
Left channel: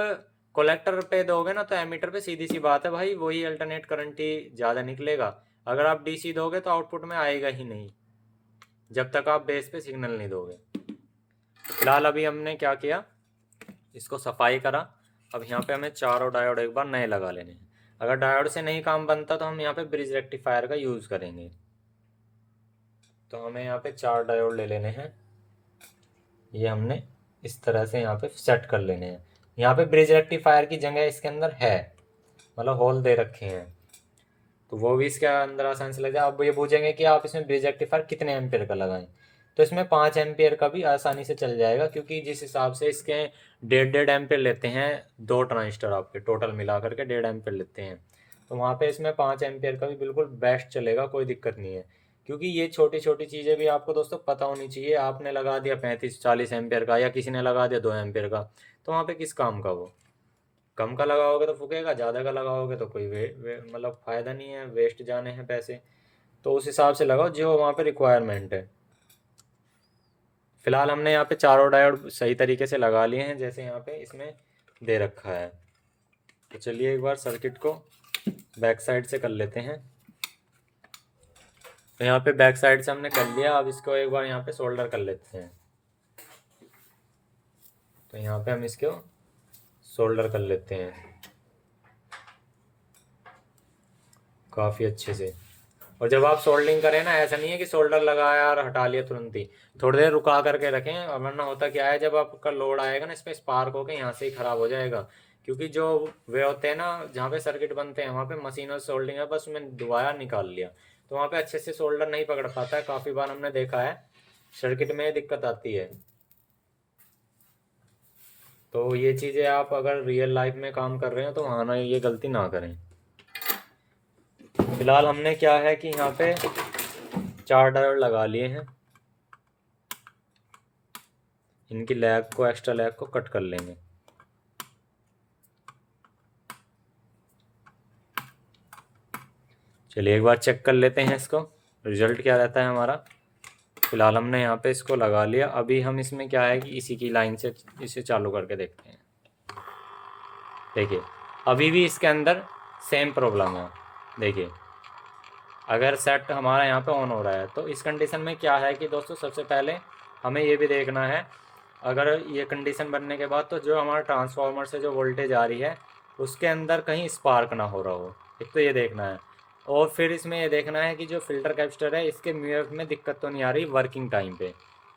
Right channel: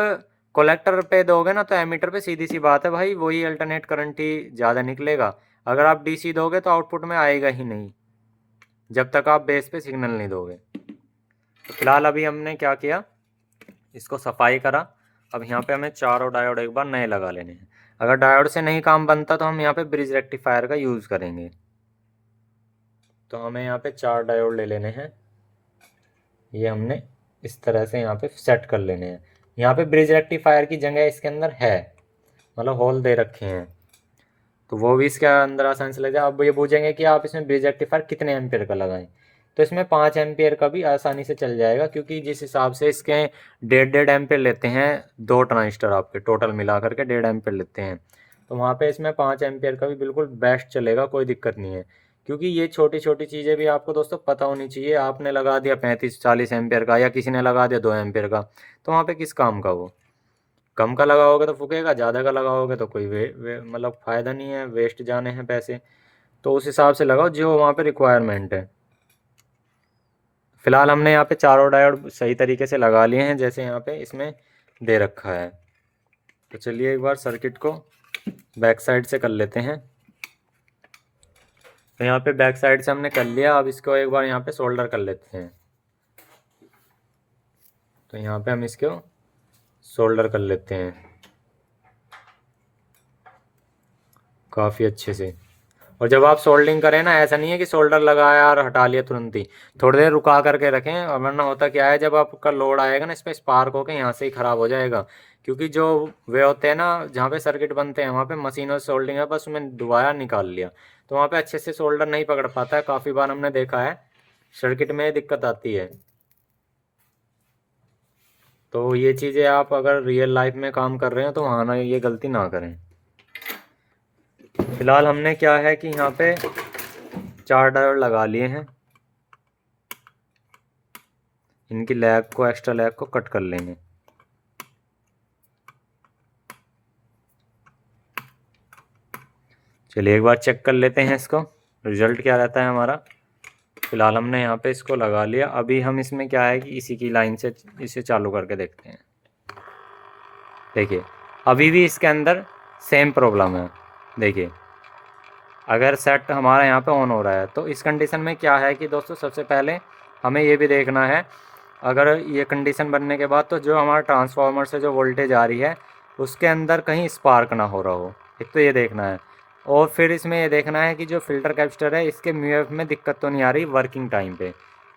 कलेक्टर पे दोगे ना, तो एमीटर पे सीधी सी बात है भाई, वही अल्टरनेट करंट ही ज़्यादा निकलेगा। अगर आप डीसी दोगे तो आउटपुट में आएगा ही नहीं, जब तक आप बेस पे सिग्नल नहीं दोगे। तो फिलहाल अभी हमने क्या किया, इसको सफाई करा। अब यहाँ पे हमें चारों डायोड एक बार नए लगा लेने हैं। अगर डायोड से नहीं काम बनता तो हम यहाँ पे ब्रिज रेक्टिफायर का यूज़ करेंगे। तो हमें यहाँ पे 4 डायोड ले लेने हैं, ये हमने इस तरह से यहाँ पे सेट कर लेने हैं। यहाँ पे ब्रिज रेक्टिफायर की जगह इसके अंदर है, मतलब होल दे रखे हैं, तो वो भी इसके अंदर आसानी से लग जाए। अब ये पूछेंगे कि आप इसमें ब्रिज रेक्टिफायर कितने एम्पियर का लगाएं, तो इसमें 5 एम्पियर का भी आसानी से चल जाएगा, क्योंकि जिस हिसाब से इसके 1.5 एम्पियर लेते हैं, 2 ट्रांजिस्टर आपके टोटल मिला करके 1.5 एम्पियर लेते हैं, तो वहाँ पे इसमें 5 एम्पियर का भी बिल्कुल बेस्ट चलेगा, कोई दिक्कत नहीं है। क्योंकि ये छोटी छोटी चीज़ें भी आपको दोस्तों पता होनी चाहिए। आपने लगा दिया 35-40 एम्पियर का, या किसी ने लगा दिया 2 एम्पियर का, तो वहाँ पे किस काम का वो। कम का लगाओगे तो फूकेगा, ज़्यादा का लगाओगे तो कोई मतलब फ़ायदा नहीं है, वेस्ट जाने हैं पैसे। तो उस हिसाब से लगाओ जो वहाँ पे रिक्वायरमेंट है। फिलहाल हमने यहाँ पे चारों डायोड सही तरीके से लगा लिए हैं जैसे यहाँ पे इसमें दे रखा है। तो चलिए एक बार सर्किट को बैक साइड से कर लेते हैं। तो यहाँ पे बैक साइड से हमने कर लिया, अब इसको एक बार यहाँ पे सोल्डर कर लेते हैं। तो यहाँ पे हम इसको सोल्डर कर लेते हैं काफ़ी अच्छे से। और जब आप सोल्डरिंग करें ना, ऐसा नहीं है कि सोल्डर लगाया और हटा लिया तुरंत ही, थोड़ी देर रुका करके रखें, और वरना होता क्या है जब आपका लोड आएगा ना इस पर स्पार्क होकर यहाँ से ही ख़राब हो जाएगा। क्योंकि जो वे होते हैं ना जहाँ पे सर्किट बनते हैं वहाँ पे मशीनों से सोल्डरिंग है, बस उसमें दोबारा निकाल लिया तो वहाँ पे अच्छे से सोल्डर नहीं पकड़ पाता है। काफ़ी बार हमने देखा है सर्किट में दिक्कत आती है। तो ये चीज़ें आप अगर रियल लाइफ में काम कर रहे हैं तो वहाँ ना ये गलती ना करें। फिलहाल हमने क्या है कि यहाँ पे 4 डायोड लगा लिए हैं, इनकी लैग को, एक्स्ट्रा लैग को कट कर लेंगे। चलिए एक बार चेक कर लेते हैं इसको रिजल्ट क्या रहता है हमारा। फिलहाल हमने यहाँ पे इसको लगा लिया। अभी हम इसमें क्या है कि इसी की लाइन से इसे चालू करके देखते हैं। देखिए अभी भी इसके अंदर सेम प्रॉब्लम है। देखिए अगर सेट हमारा यहाँ पे ऑन हो रहा है तो इस कंडीशन में क्या है कि दोस्तों सबसे पहले हमें ये भी देखना है, अगर ये कंडीशन बनने के बाद तो जो हमारा ट्रांसफार्मर से जो वोल्टेज आ रही है उसके अंदर कहीं स्पार्क ना हो रहा हो, एक तो ये देखना है। और फिर इसमें ये देखना है कि जो फिल्टर कैपेसिटर है इसके म्यूएफ में दिक्कत तो नहीं आ रही वर्किंग टाइम पे।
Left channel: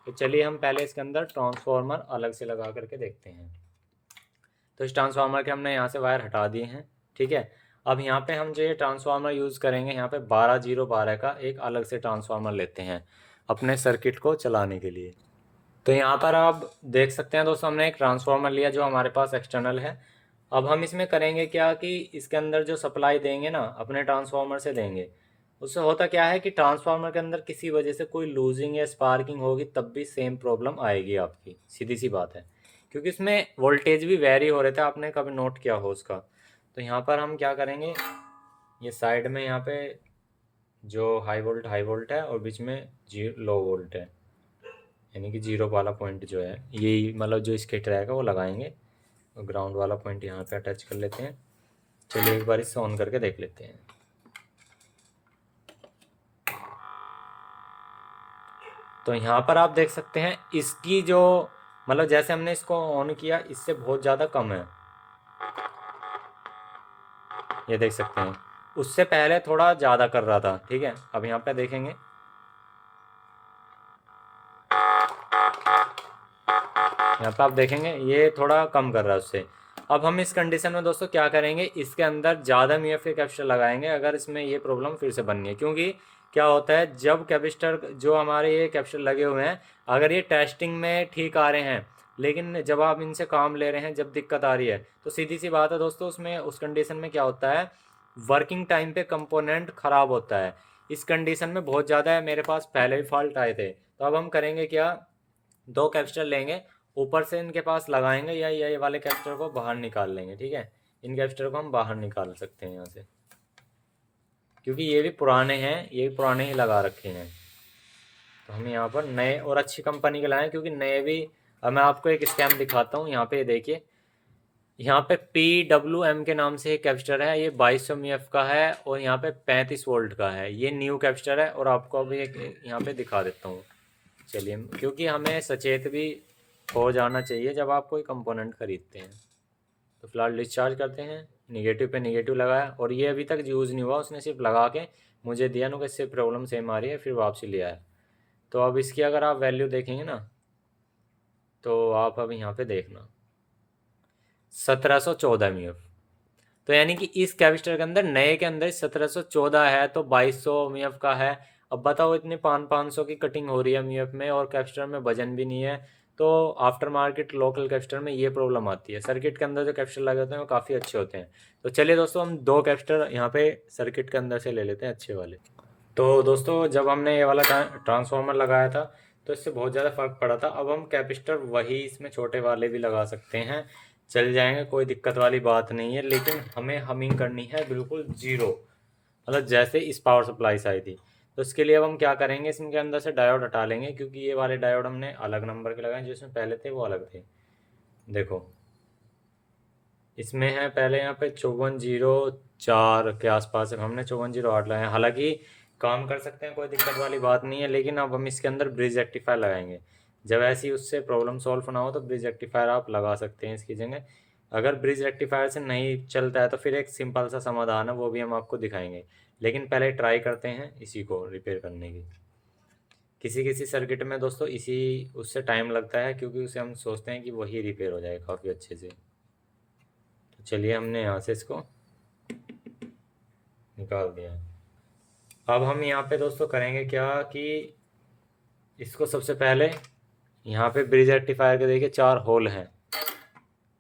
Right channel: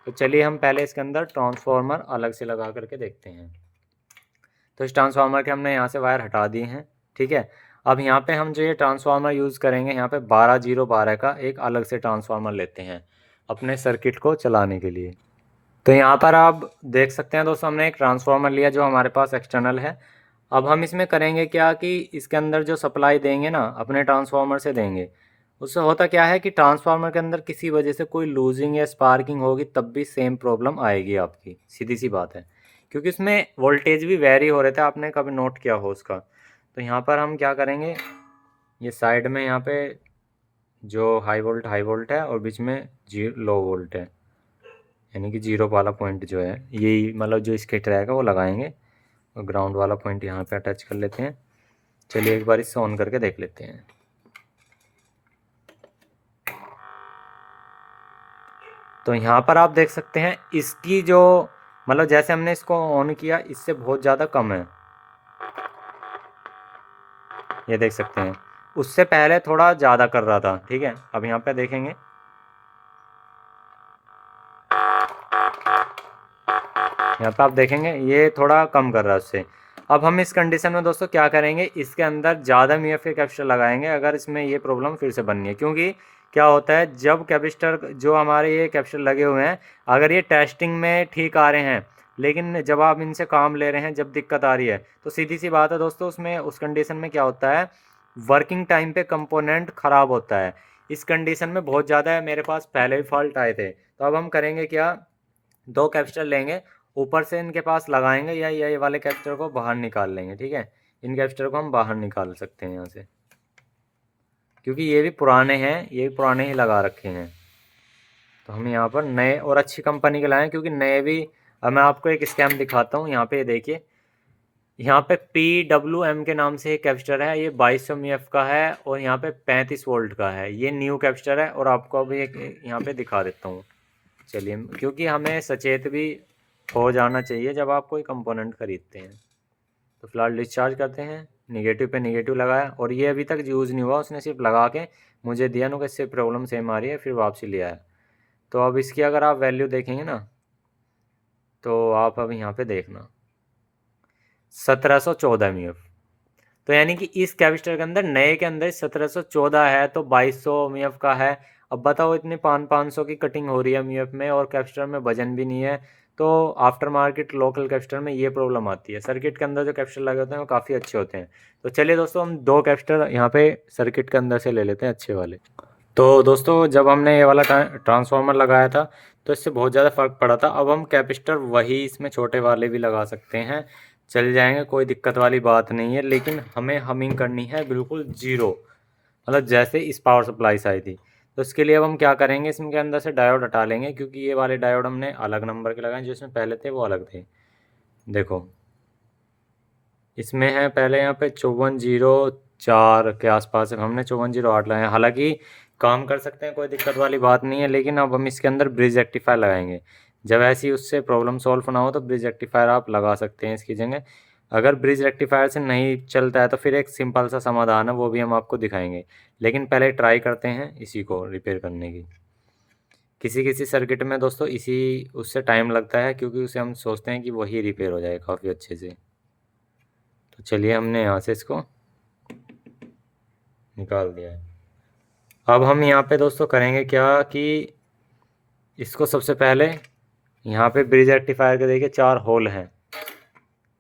तो चलिए हम पहले इसके अंदर ट्रांसफार्मर अलग से लगा करके देखते हैं। तो इस ट्रांसफार्मर के हमने यहाँ से वायर हटा दिए हैं, ठीक है। अब यहाँ पे हम जो ये ट्रांसफार्मर यूज़ करेंगे यहाँ पे 12012 का एक अलग से ट्रांसफार्मर लेते हैं अपने सर्किट को चलाने के लिए। तो यहाँ पर आप देख सकते हैं दोस्तों हमने एक ट्रांसफार्मर लिया जो हमारे पास एक्सटर्नल है। अब हम इसमें करेंगे क्या कि इसके अंदर जो सप्लाई देंगे ना अपने ट्रांसफार्मर से देंगे, उससे होता क्या है कि ट्रांसफार्मर के अंदर किसी वजह से कोई लूजिंग या स्पार्किंग होगी तब भी सेम प्रॉब्लम आएगी आपकी, सीधी सी बात है। क्योंकि इसमें वोल्टेज भी वेरी हो रहे थे, आपने कभी नोट किया हो उसका। तो यहाँ पर हम क्या करेंगे, ये साइड में यहाँ पे जो हाई वोल्ट है और बीच में लो वोल्ट है, यानी कि जीरो वाला पॉइंट जो है यही मतलब जो इसके रहेगा वो लगाएंगे, और ग्राउंड वाला पॉइंट यहाँ पे अटैच कर लेते हैं। चलिए एक बार इससे ऑन करके देख लेते हैं। तो यहाँ पर आप देख सकते हैं इसकी जो मतलब जैसे हमने इसको ऑन किया इससे बहुत ज़्यादा कम है, ये देख सकते हैं। उससे पहले थोड़ा ज़्यादा कर रहा था, ठीक है। अब यहाँ पे देखेंगे यहाँ पे आप देखेंगे ये थोड़ा कम कर रहा है उससे। अब हम इस कंडीशन में दोस्तों क्या करेंगे, इसके अंदर ज़्यादा म्यूएफ के कैपेसिटर लगाएंगे अगर इसमें ये प्रॉब्लम फिर से बननी है। क्योंकि क्या होता है जब कैपेसिटर जो हमारे ये कैपेसिटर लगे हुए हैं अगर ये टेस्टिंग में ठीक आ रहे हैं, लेकिन जब आप इनसे काम ले रहे हैं जब दिक्कत आ रही है तो सीधी सी बात है दोस्तों उसमें उस कंडीशन में क्या होता है वर्किंग टाइम पे कंपोनेंट ख़राब होता है। इस कंडीशन में बहुत ज़्यादा मेरे पास पहले भी फॉल्ट आए थे। तो अब हम करेंगे क्या, 2 कैपेसिटर लेंगे, ऊपर से इनके पास लगाएंगे या ये वाले कैपेसिटर को बाहर निकाल लेंगे, ठीक है। इन कैपेसिटर को हम बाहर निकाल सकते हैं यहाँ से, क्योंकि ये भी पुराने हैं, ये भी पुराने ही लगा रखे हैं। तो हम यहाँ पर नए और अच्छी कंपनी के लाएँ, क्योंकि नए भी। अब मैं आपको एक स्कैम दिखाता हूँ, यहाँ पे देखिए, यहाँ पे PWM के नाम से एक कैपेसिटर है, ये 2200 mF का है और यहाँ पे 35 वोल्ट का है। ये न्यू कैपेसिटर है और आपको अभी एक यहाँ पे दिखा देता हूँ। चलिए, क्योंकि हमें सचेत भी हो जाना चाहिए जब आप कोई कंपोनेंट खरीदते हैं। तो फिलहाल डिस्चार्ज करते हैं, निगेटिव पे निगेटिव लगाया और ये अभी तक यूज़ नहीं हुआ, उसने सिर्फ लगा के मुझे दिया ना कि इससे प्रॉब्लम सेम आ रही है, फिर वापसी ले आया। तो अब इसकी अगर आप वैल्यू देखेंगे ना तो आप अब यहाँ पे देखना 1714 mF। तो यानी कि इस कैपेसिटर के अंदर नए के अंदर 1714 है तो 2200 mF का है। अब बताओ इतनी 500 की कटिंग हो रही है mF में और कैपेसिटर में वजन भी नहीं है। तो आफ्टर मार्केट लोकल कैपेसिटर में ये प्रॉब्लम आती है। सर्किट के अंदर जो कैपेसिटर लगे होते हैं वो काफ़ी अच्छे होते हैं। तो चलिए दोस्तों हम 2 कैपेसिटर यहाँ पे सर्किट के अंदर से ले लेते हैं अच्छे वाले। तो दोस्तों जब हमने ये वाला ट्रांसफार्मर लगाया था तो इससे बहुत ज़्यादा फ़र्क पड़ा था। अब हम कैपेसिटर वही इसमें छोटे वाले भी लगा सकते हैं, चल जाएंगे, कोई दिक्कत वाली बात नहीं है। लेकिन हमें हमिंग करनी है बिल्कुल ज़ीरो, मतलब जैसे इस पावर सप्लाई से आई थी। तो इसके लिए अब हम क्या करेंगे, इसके अंदर से डायोड हटा लेंगे, क्योंकि ये वाले डायोड हमने अलग नंबर के लगाए, जो इसमें पहले थे वो अलग थे। देखो इसमें है पहले यहाँ पे 5404 के आसपास है, हमने 5408 लगाए हैं। हालांकि काम कर सकते हैं, कोई दिक्कत वाली बात नहीं है, लेकिन अब हम इसके अंदर ब्रिज रेक्टिफायर लगाएंगे। जब ऐसी उससे प्रॉब्लम सॉल्व ना हो तो ब्रिज रेक्टिफायर आप लगा सकते हैं इसकी जगह। अगर ब्रिज रेक्टिफायर से नहीं चलता है तो फिर एक सिंपल सा समाधान है, वो भी हम आपको दिखाएंगे। लेकिन पहले ट्राई करते हैं इसी को रिपेयर करने की। किसी किसी सर्किट में दोस्तों इसी उससे टाइम लगता है, क्योंकि उसे हम सोचते हैं कि वही रिपेयर हो जाए काफ़ी अच्छे से। तो चलिए हमने यहाँ से इसको निकाल दिया है। अब हम यहाँ पे दोस्तों करेंगे क्या कि इसको सबसे पहले यहाँ पे ब्रिज रेक्टिफायर के देखिए 4 होल हैं,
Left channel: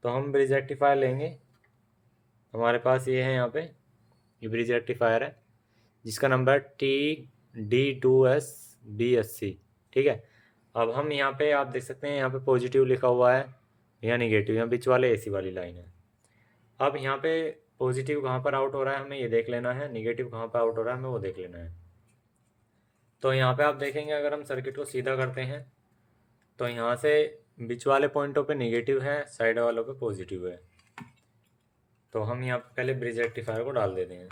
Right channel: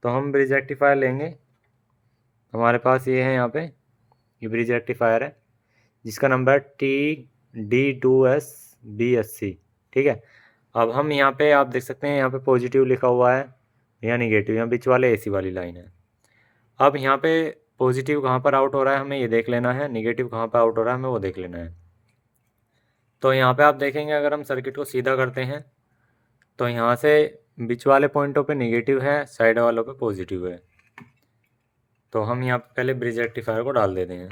तो हम ब्रिज रेक्टिफायर लेंगे। हमारे पास ये है यहाँ पे, ये ब्रिज रेक्टिफायर है जिसका नंबर है TD2SBSC। ठीक है। अब हम यहाँ पे आप देख सकते हैं यहाँ पे पॉजिटिव लिखा हुआ है या निगेटिव, यहाँ बीच वाले AC वाली लाइन है। अब यहाँ पे पॉजिटिव कहाँ पर आउट हो रहा है हमें ये देख लेना है, निगेटिव कहाँ पर आउट हो रहा है हमें वो देख लेना है। तो यहाँ पे आप देखेंगे अगर हम सर्किट को सीधा करते हैं तो यहाँ से बीच वाले पॉइंटों पे निगेटिव है, साइड वालों पे पॉजिटिव है। तो हम यहाँ पे पहले ब्रिज रेक्टिफायर को डाल देते हैं।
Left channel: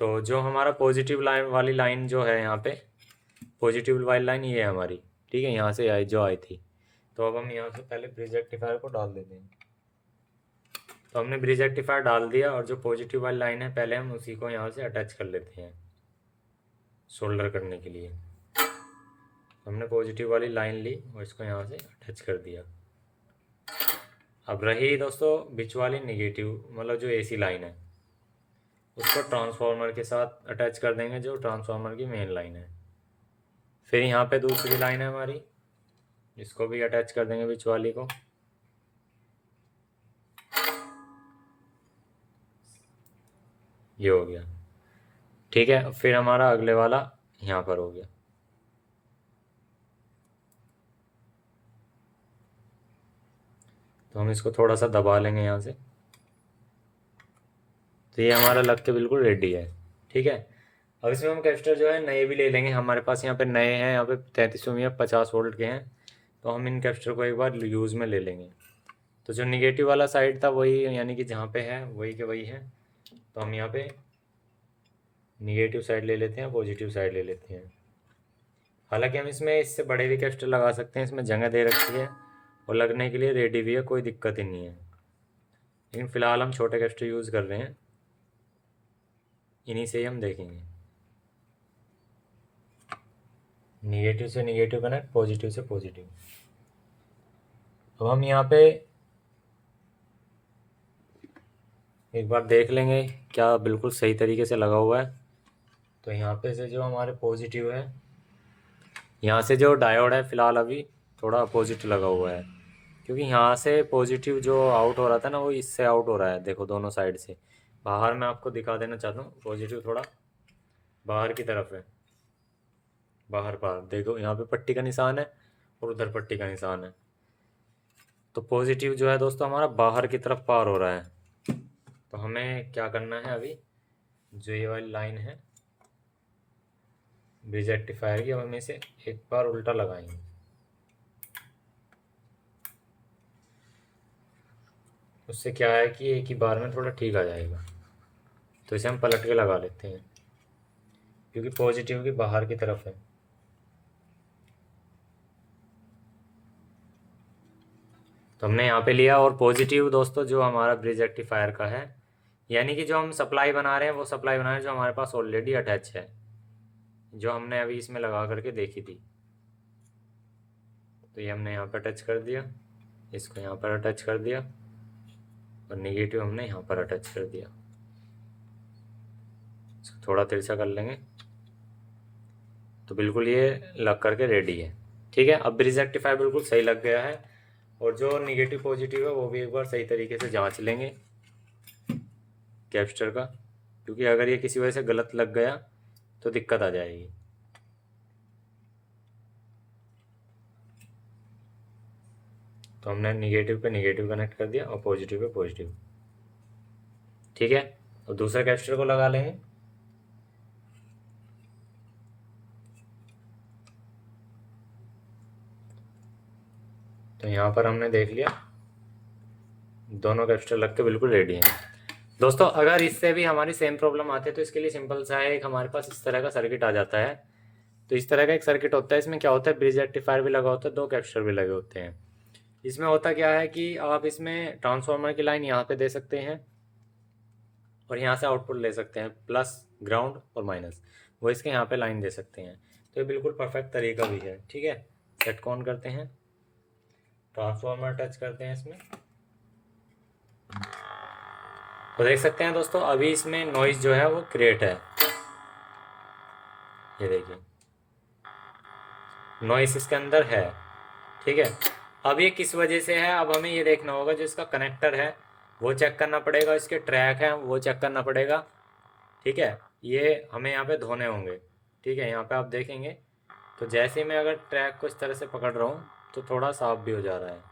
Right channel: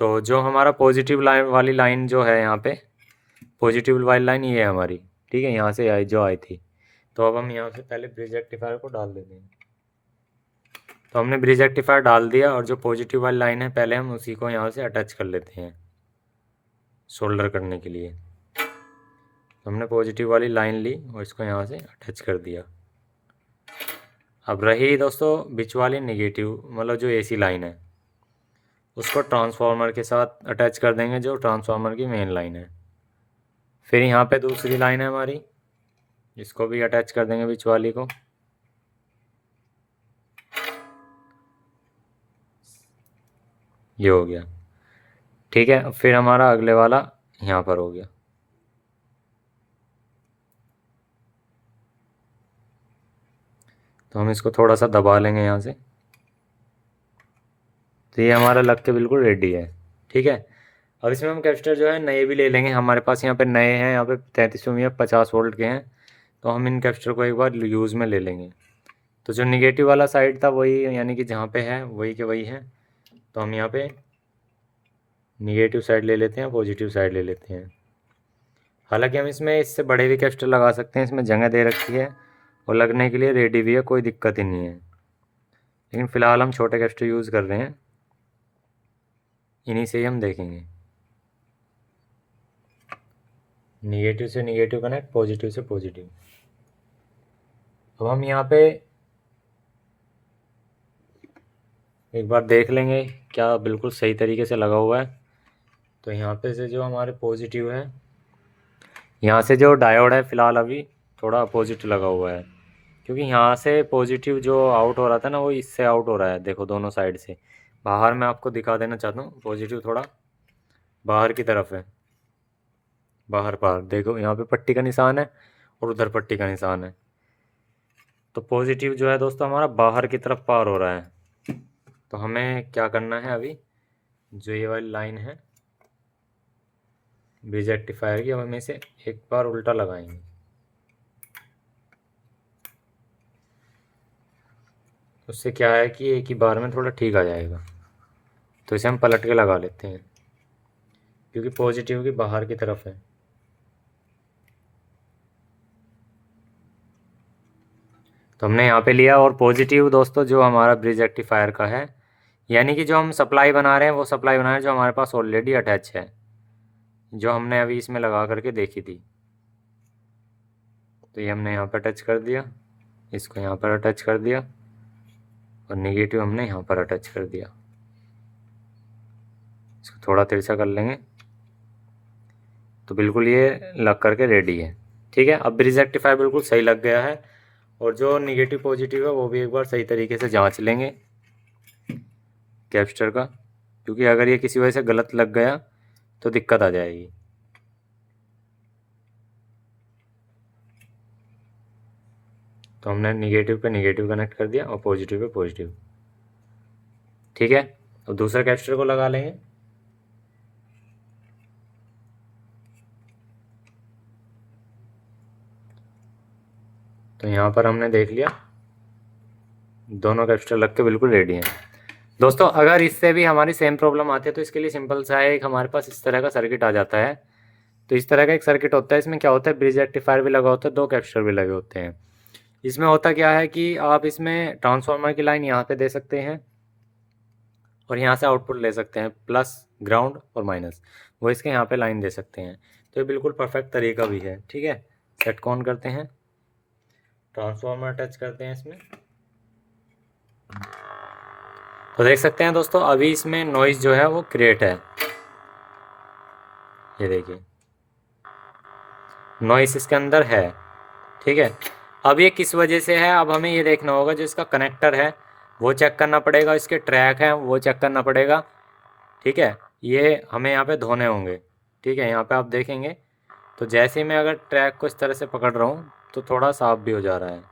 तो जो हमारा पॉजिटिव लाइन वाली लाइन जो है यहाँ पे, पॉजिटिव वाली लाइन ये है हमारी, ठीक है, यहाँ से आई थी। तो अब हम यहाँ से पहले ब्रिज रेक्टिफायर को डाल देते हैं। तो हमने ब्रिज रेक्टिफायर डाल दिया, और जो पॉजिटिव वाली लाइन है पहले हम उसी को यहाँ से अटैच कर लेते हैं सोल्डर करने के लिए। तो हमने पॉजिटिव वाली लाइन ली और इसको यहाँ से अटैच कर दिया। अब रही दोस्तों बीच वाली निगेटिव, मतलब जो AC लाइन है, उसको ट्रांसफार्मर के साथ अटैच कर देंगे, जो ट्रांसफार्मर की मेन लाइन है। फिर यहाँ पे दूसरी लाइन है हमारी, इसको भी अटैच कर देंगे बीच वाली को। ये हो गया, ठीक है। फिर हमारा अगले वाला यहाँ पर हो गया। तो हम इसको थोड़ा सा दबा लेंगे यहाँ से, तो ये हमारा लग के बिल्कुल रेडी है, ठीक है। अब इसमें हम कैपेसिटर जो है नए भी ले लेंगे, हमारे पास यहाँ पे नए हैं, यहाँ पे 3300 या 50 वोल्ट के हैं। तो हम इन कैपेसिटर को एक बार यूज़ में ले लेंगे। तो जो निगेटिव वाला साइड था वही, यानी कि जहाँ पे है वही के वही है। तो हम यहाँ पे निगेटिव साइड ले लेते हैं, पॉजिटिव साइड ले लेते हैं। हालांकि हम इसमें इससे बड़े भी कैपेसिटर लगा सकते हैं, इसमें जगह दे रखी है और लगने के लिए रेडी भी है, कोई दिक्कत ही नहीं है। लेकिन फ़िलहाल हम छोटे कैपेसिटर यूज़ कर रहे हैं, इन्हीं से ही हम देखेंगे। निगेटिव से निगेटिव कनेक्ट, पॉजिटिव से पॉजिटिव। तो हम यहाँ पे एक बार देख लेंगे क्या बिल्कुल सही तरीके से लगा हुआ है। तो यहाँ पे से जो हमारे पॉजिटिव है, यहाँ से जो डायोड है फ़िलहाल अभी थोड़ा अपोजिट लगा हुआ है, क्योंकि यहाँ से पॉजिटिव जो आउट हो रहा था ना वो इससे आउट हो रहा है। देखो दोनों साइड से बाहर, मैं आपको दिखा देना चाहता हूँ, पॉजिटिव थोड़ा बाहर की तरफ है, बाहर बाहर देखो यहाँ पे पट्टी का निशान है और उधर पट्टी का निशान है। तो पॉजिटिव जो है दोस्तों हमारा बाहर की तरफ पार हो रहा है। तो हमें क्या करना है, अभी जो ये वाली लाइन है ब्रिज रेक्टिफायर की, अब हम इसे एक बार उल्टा लगाएंगे। उससे क्या है कि एक ही बार में थोड़ा ठीक आ जाएगा। तो इसे हम पलट के लगा लेते हैं, क्योंकि पॉजिटिव की बाहर की तरफ है। तो हमने यहाँ पे लिया, और पॉजिटिव दोस्तों जो हमारा ब्रिज रेक्टिफायर का है, यानी कि जो हम सप्लाई बना रहे हैं वो सप्लाई बना रहे हैं जो हमारे पास ऑलरेडी अटैच है, जो हमने अभी इसमें लगा करके देखी थी। तो ये हमने यहाँ पर अटैच कर दिया, इसको यहाँ पर अटैच कर दिया, और निगेटिव हमने यहाँ पर अटैच कर दिया। इसको थोड़ा तिरछा कर लेंगे तो बिल्कुल ये लग करके रेडी है, ठीक है। अब ब्रिज रेक्टिफायर बिल्कुल सही लग गया है, और जो निगेटिव पॉजिटिव है वो भी एक बार सही तरीके से जांच लेंगे कैपेसिटर का, क्योंकि अगर ये किसी वजह से गलत लग गया तो दिक्कत आ जाएगी। तो हमने निगेटिव पे निगेटिव कनेक्ट कर दिया और पॉजिटिव पे पॉजिटिव, ठीक है। अब दूसरा कैपेसिटर को लगा लेंगे। तो यहाँ पर हमने देख लिया, दोनों कैपेसिटर लग के बिल्कुल रेडी हैं। दोस्तों अगर इससे भी हमारी सेम प्रॉब्लम आती है तो इसके लिए सिंपल सा है, एक हमारे पास इस तरह का सर्किट आ जाता है। तो इस तरह का एक सर्किट होता है, इसमें क्या होता है, ब्रिज रेक्टिफायर भी लगा होता है, दो कैपेसिटर भी लगे होते हैं। इसमें होता क्या है कि आप इसमें ट्रांसफार्मर की लाइन यहाँ पे दे सकते हैं और यहाँ से आउटपुट ले सकते हैं, प्लस ग्राउंड और माइनस, वो इसके यहाँ पे लाइन दे सकते हैं। तो ये बिल्कुल परफेक्ट तरीका भी है। ठीक है, सेट को ऑन करते हैं, ट्रांसफार्मर टच करते हैं इसमें, तो देख सकते हैं दोस्तों अभी इसमें नॉइज़ जो है वो क्रिएट है। ये देखिए नॉइस इसके अंदर है। ठीक है, अब ये किस वजह से है, अब हमें ये देखना होगा, जो इसका कनेक्टर है वो चेक करना पड़ेगा, इसके ट्रैक हैं वो चेक करना पड़ेगा। ठीक है, ये हमें यहाँ पे धोने होंगे। ठीक है, यहाँ पे आप देखेंगे तो जैसे ही मैं अगर ट्रैक को इस तरह से पकड़ रहा हूँ तो थोड़ा साफ भी हो जा रहा है।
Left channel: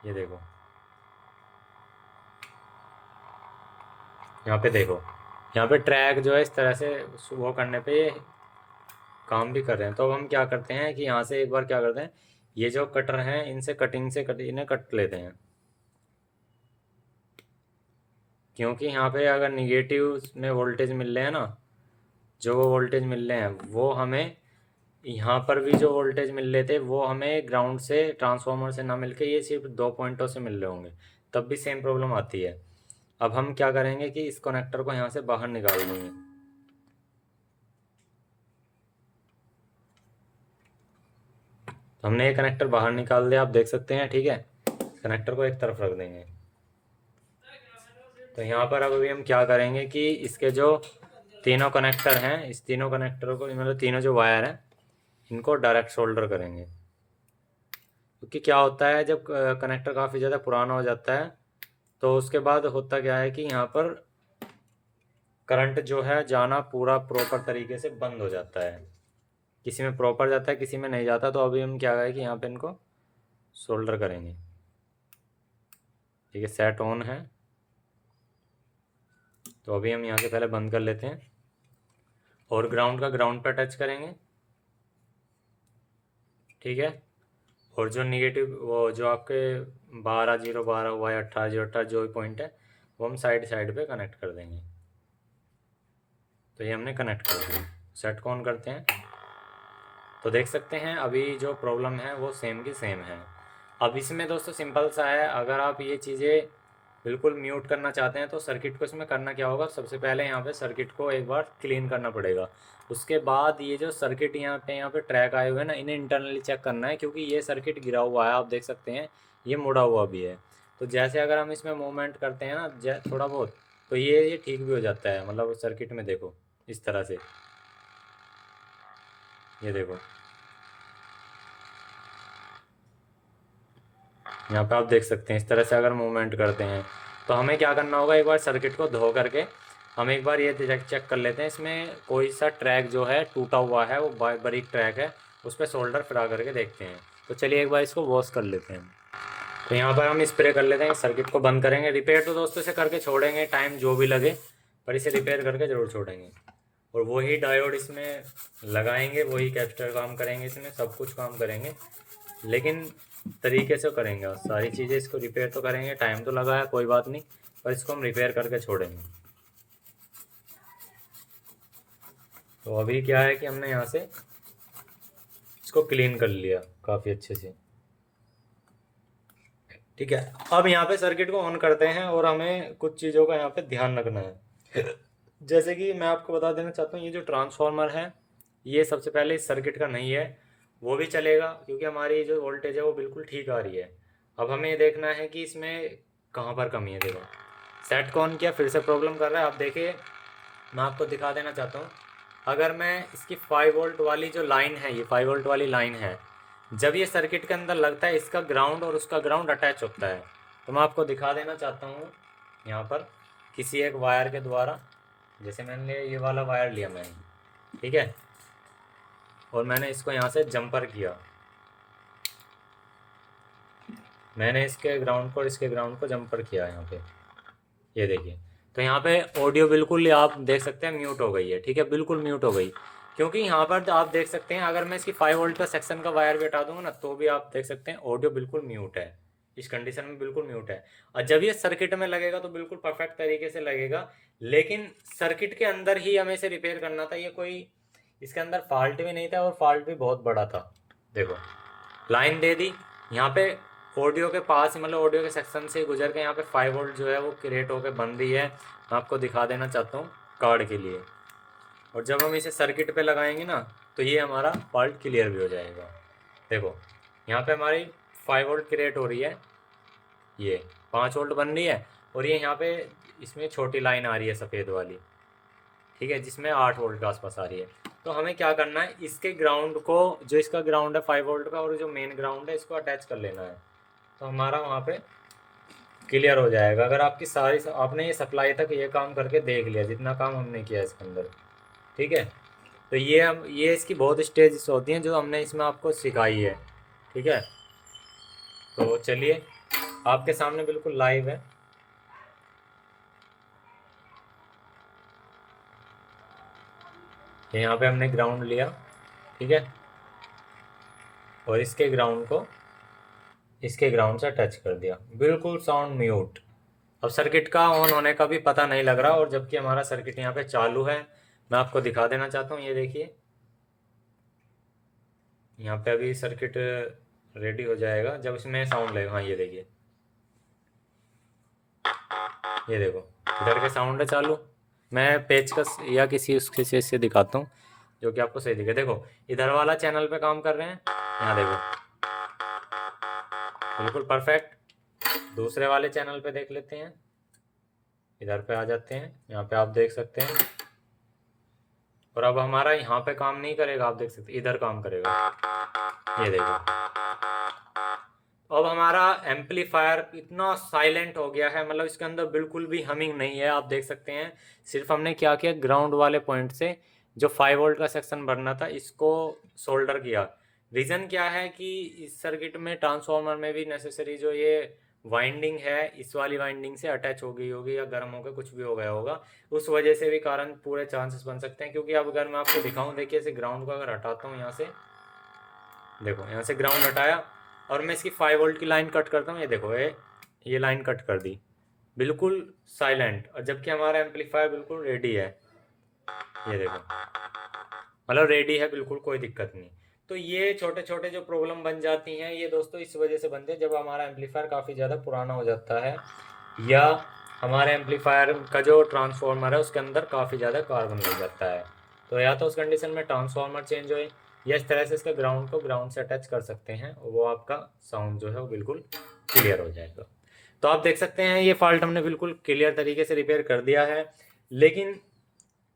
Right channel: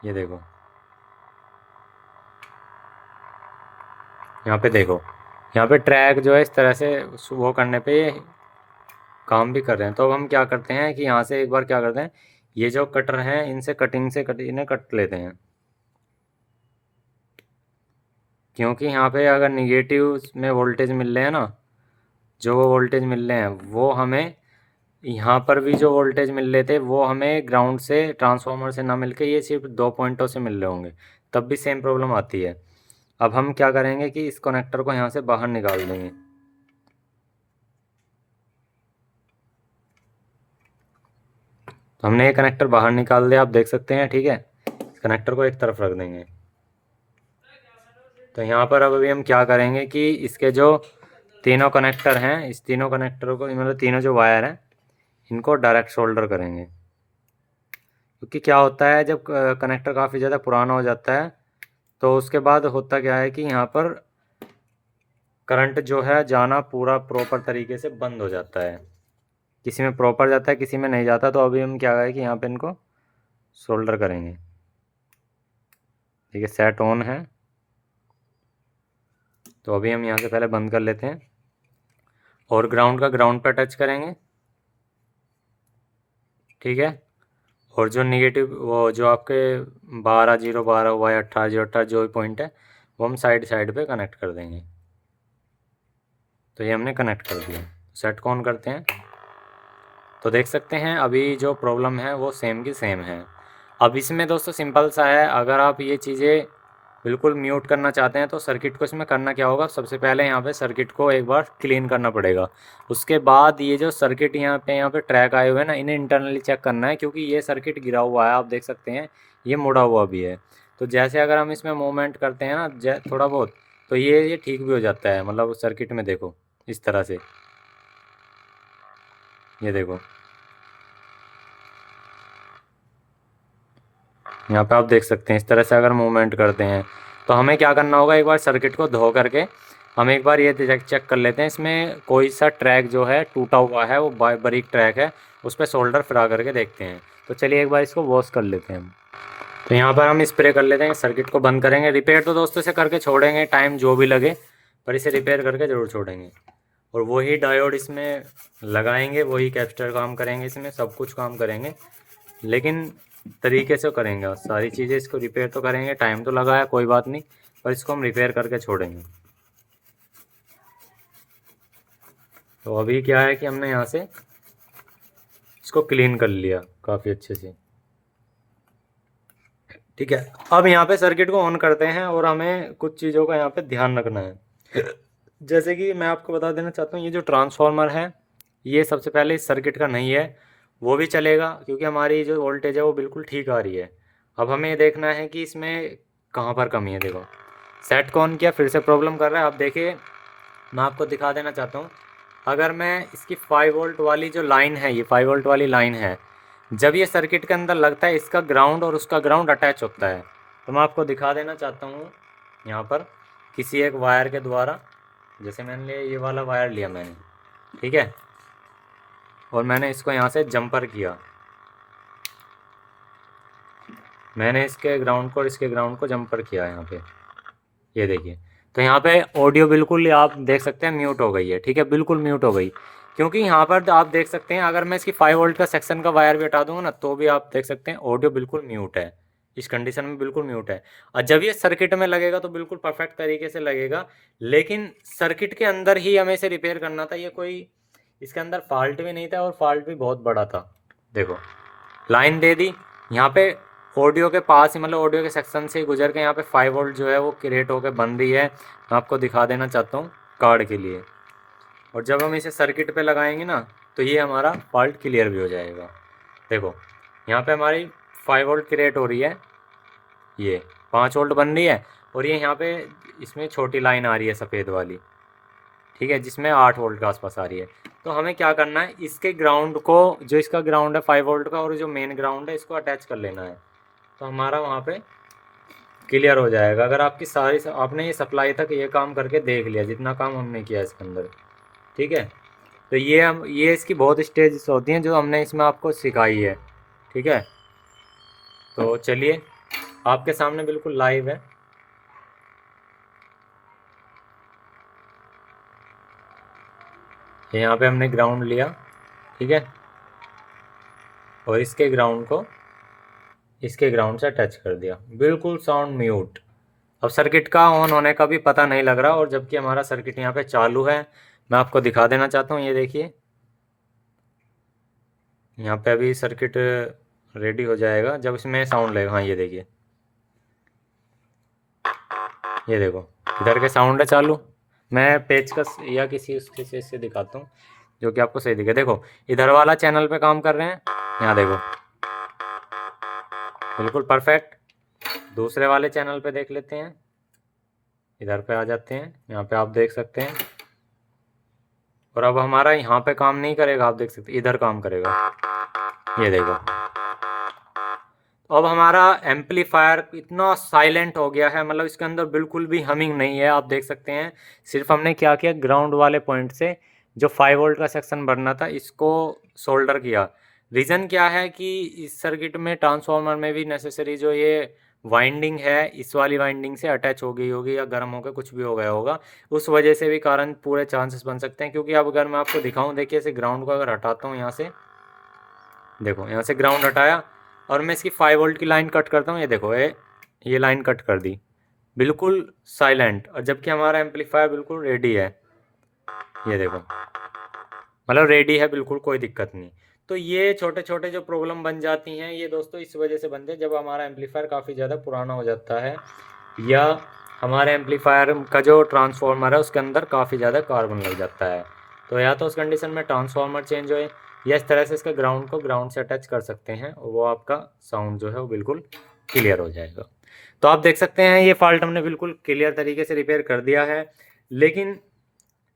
ये देखो, यहाँ पे देखो, यहाँ पे ट्रैक जो है इस तरह से वो करने पे काम भी कर रहे हैं। तो अब हम क्या करते हैं कि यहाँ से एक बार क्या करते हैं, ये जो कटर हैं इनसे कटिंग से इन्हें कट लेते हैं, क्योंकि यहाँ पे अगर निगेटिव में वोल्टेज मिल रहे हैं ना, जो वो वोल्टेज मिल रहे हैं वो हमें यहाँ पर भी जो वोल्टेज मिल रहे थे वो हमें ग्राउंड से, ट्रांसफार्मर से ना मिलके ये सिर्फ दो पॉइंटों से मिल रहे होंगे, तब भी सेम प्रॉब्लम आती है। अब हम क्या करेंगे कि इस कनेक्टर को यहाँ से बाहर निकाल देंगे। तो हमने ये कनेक्टर बाहर निकाल दिया, आप देख सकते हैं। ठीक है, कनेक्टर को एक तरफ रख देंगे। तो यहाँ पर अब अभी हम क्या करेंगे कि इसके जो तीनों कनेक्टर हैं, इस तीनों कनेक्टरों को, मतलब तीनों जो वायर हैं इनको डायरेक्ट सोल्डर करेंगे। क्योंकि क्या होता है, जब कनेक्टर काफ़ी ज़्यादा पुराना हो जाता है तो उसके बाद होता क्या है कि यहाँ पर करंट जो है जाना पूरा प्रॉपर तरीके से बंद हो जाता है। किसी में प्रॉपर जाता है, किसी में नहीं जाता। तो अभी हम क्या है कि यहाँ पे इनको सोल्डर करेंगे। ठीक है, सेट ऑन है। तो अभी हम यहाँ से पहले बंद कर लेते हैं और ग्राउंड का ग्राउंड पर टच करेंगे। ठीक है, और जो निगेटिव वो जो आपके 12 0 12 हुआ या 18 0 18 जो भी पॉइंट है वो हम साइड साइड पे कनेक्ट कर देंगे। तो ये हमने कनेक्ट कर दिया। सेट को ऑन करते हैं तो देख सकते हैं अभी जो प्रॉब्लम है वो सेम की सेम है। अब इसमें दोस्तों सिंपल सा है, अगर आप ये चीज़ें बिल्कुल म्यूट करना चाहते हैं तो सर्किट को इसमें करना क्या होगा, सबसे पहले यहाँ पे सर्किट को एक बार क्लीन करना पड़ेगा। उसके बाद ये जो सर्किट यहाँ पे ट्रैक आए हुए हैं ना, इन्हें इंटरनली चेक करना है, क्योंकि ये सर्किट गिरा हुआ है, आप देख सकते हैं ये मुड़ा हुआ भी है। तो जैसे अगर हम इसमें मूवमेंट करते हैं ना थोड़ा बहुत, तो ये ठीक भी हो जाता है। मतलब सर्किट में देखो इस तरह से, ये देखो यहाँ पे आप देख सकते हैं, इस तरह से अगर मूवमेंट करते हैं तो हमें क्या करना होगा, एक बार सर्किट को धो करके हम एक बार ये चेक कर लेते हैं इसमें कोई सा ट्रैक जो है टूटा हुआ है, वो बारीक ट्रैक है, उस पर सोल्डर फिरा करके देखते हैं। तो चलिए एक बार इसको वॉश कर लेते हैं। तो यहाँ पर हम स्प्रे कर लेते हैं, सर्किट को बंद करेंगे। रिपेयर तो दोस्तों से करके छोड़ेंगे, टाइम जो भी लगे, पर इसे रिपेयर करके ज़रूर छोड़ेंगे। और वही डायोड इसमें लगाएंगे, वही कैपेसिटर काम करेंगे, इसमें सब कुछ काम करेंगे, लेकिन तरीके से करेंगे। और सारी चीज़ें इसको रिपेयर तो करेंगे, टाइम तो लगा है कोई बात नहीं, पर इसको हम रिपेयर करके छोड़ेंगे। तो अभी क्या है कि हमने यहाँ से इसको क्लीन कर लिया काफ़ी अच्छे से। ठीक है, अब यहाँ पे सर्किट को ऑन करते हैं और हमें कुछ चीज़ों का यहाँ पे ध्यान रखना है। जैसे कि मैं आपको बता देना चाहता हूँ, ये जो ट्रांसफार्मर है ये सबसे पहले इस सर्किट का नहीं है, वो भी चलेगा क्योंकि हमारी जो वोल्टेज है वो बिल्कुल ठीक आ रही है। अब हमें ये देखना है कि इसमें कहाँ पर कमी है। देखो सेट को ऑन किया, फिर से प्रॉब्लम कर रहा है। अब देखिए मैं आपको दिखा देना चाहता हूँ, अगर मैं इसकी 5 वोल्ट वाली जो लाइन है, ये 5 वोल्ट वाली लाइन है, जब ये सर्किट के अंदर लगता है इसका ग्राउंड और उसका ग्राउंड अटैच होता है। तो मैं आपको दिखा देना चाहता हूँ यहाँ पर किसी एक वायर के द्वारा, जैसे मैंने लिया ये वाला वायर लिया मैंने, ठीक है, और मैंने इसको यहाँ से जंपर किया, मैंने इसके ग्राउंड को और इसके ग्राउंड को जंपर किया यहाँ पे, ये देखिए। तो यहाँ पे ऑडियो बिल्कुल आप देख सकते हैं म्यूट हो गई है। ठीक है, बिल्कुल म्यूट हो गई। क्योंकि यहाँ पर आप देख सकते हैं, अगर मैं इसकी 5 वोल्ट का सेक्शन का वायर भी हटा दूंगा ना, तो भी आप देख सकते हैं ऑडियो बिल्कुल म्यूट है, इस कंडीशन में बिल्कुल म्यूट है। और जब ये सर्किट में लगेगा तो बिल्कुल परफेक्ट तरीके से लगेगा, लेकिन सर्किट के अंदर ही हमें इसे रिपेयर करना था। ये कोई इसके अंदर फॉल्ट भी नहीं था, और फॉल्ट भी बहुत बड़ा था। देखो, लाइन दे दी यहाँ पे ऑडियो के पास ही, मतलब ऑडियो के सेक्शन से गुजर के यहाँ पे 5 वोल्ट जो है वो क्रिएट होकर बन रही है। मैं आपको दिखा देना चाहता हूँ कार्ड के लिए। और जब हम इसे सर्किट पे लगाएंगे ना, तो ये हमारा फॉल्ट क्लियर भी हो जाएगा। देखो, यहाँ पे हमारी 5 वोल्ट क्रिएट हो रही है, ये 5 वोल्ट बन रही है, और ये यहाँ पे इसमें छोटी लाइन आ रही है सफ़ेद वाली, ठीक है, जिसमें 8 वोल्ट के आसपास आ रही है। तो हमें क्या करना है, इसके ग्राउंड को, जो इसका ग्राउंड है 5 वोल्ट का, और जो मेन ग्राउंड है, इसको अटैच कर लेना है, तो हमारा वहाँ पे क्लियर हो जाएगा। अगर आपकी सारी आपने ये सप्लाई तक ये काम करके देख लिया, जितना काम हमने किया इसके अंदर, ठीक है। तो ये इसकी बहुत स्टेज होती हैं जो हमने इसमें आपको सिखाई है, ठीक है। तो चलिए, आपके सामने बिल्कुल लाइव है। यहाँ पे हमने ग्राउंड लिया, ठीक है, और इसके ग्राउंड को इसके ग्राउंड से टच कर दिया, बिल्कुल साउंड म्यूट। अब सर्किट का ऑन होने का भी पता नहीं लग रहा, और जबकि हमारा सर्किट यहाँ पे चालू है। मैं आपको दिखा देना चाहता हूँ, ये देखिए, यहाँ पे अभी सर्किट रेडी हो जाएगा जब इसमें साउंड लगेगा। हाँ, ये देखिए, ये देखो, इधर के साउंड है चालू। मैं पेचकस या किसी उसके से दिखाता हूँ जो कि आपको सही दिखे। देखो, इधर वाला चैनल पे काम कर रहे हैं, यहाँ देखो, बिल्कुल परफेक्ट। दूसरे वाले चैनल पे देख लेते हैं, इधर पे आ जाते हैं, यहाँ पे आप देख सकते हैं। और अब हमारा यहाँ पे काम नहीं करेगा, आप देख सकते हैं इधर काम करेगा, ये देखो। अब हमारा एम्पलीफायर इतना साइलेंट हो गया है, मतलब इसके अंदर बिल्कुल भी हमिंग नहीं है, आप देख सकते हैं। सिर्फ हमने क्या किया, ग्राउंड वाले पॉइंट से जो 5 वोल्ट का सेक्शन भरना था, इसको सोल्डर किया। रीज़न क्या है कि इस सर्किट में, ट्रांसफार्मर में भी नेसेसरी जो ये वाइंडिंग है, इस वाली वाइंडिंग से अटैच हो गई होगी, या गर्म होकर कुछ भी हो गया होगा, उस वजह से भी कारण पूरे चांसेस बन सकते हैं। क्योंकि अब अगर मैं आपको दिखाऊं, देखिए, इसे ग्राउंड को अगर हटाता हूँ यहाँ से, देखो, यहाँ से ग्राउंड हटाया, और मैं इसकी 5 वोल्ट की लाइन कट करता हूँ, ये देखो, ये लाइन कट कर दी, बिल्कुल साइलेंट। और जबकि हमारा एम्पलीफायर बिल्कुल रेडी है, ये देखो, मतलब रेडी है बिल्कुल, कोई दिक्कत नहीं। तो ये छोटे छोटे जो प्रॉब्लम बन जाती हैं, ये दोस्तों इस वजह से बनते हैं जब हमारा एम्पलीफायर काफ़ी ज़्यादा पुराना हो जाता है, या हमारे एम्पलीफायर का जो ट्रांसफार्मर है उसके अंदर काफ़ी ज़्यादा कार्बन लग जाता है। तो या तो उस कंडीशन में ट्रांसफार्मर चेंज होए, या इस तरह से इसके ग्राउंड को ग्राउंड से अटैच कर सकते हैं, और वो आपका साउंड जो है वो बिल्कुल क्लियर हो जाएगा। तो आप देख सकते हैं, ये फॉल्ट हमने बिल्कुल क्लियर तरीके से रिपेयर कर दिया है। लेकिन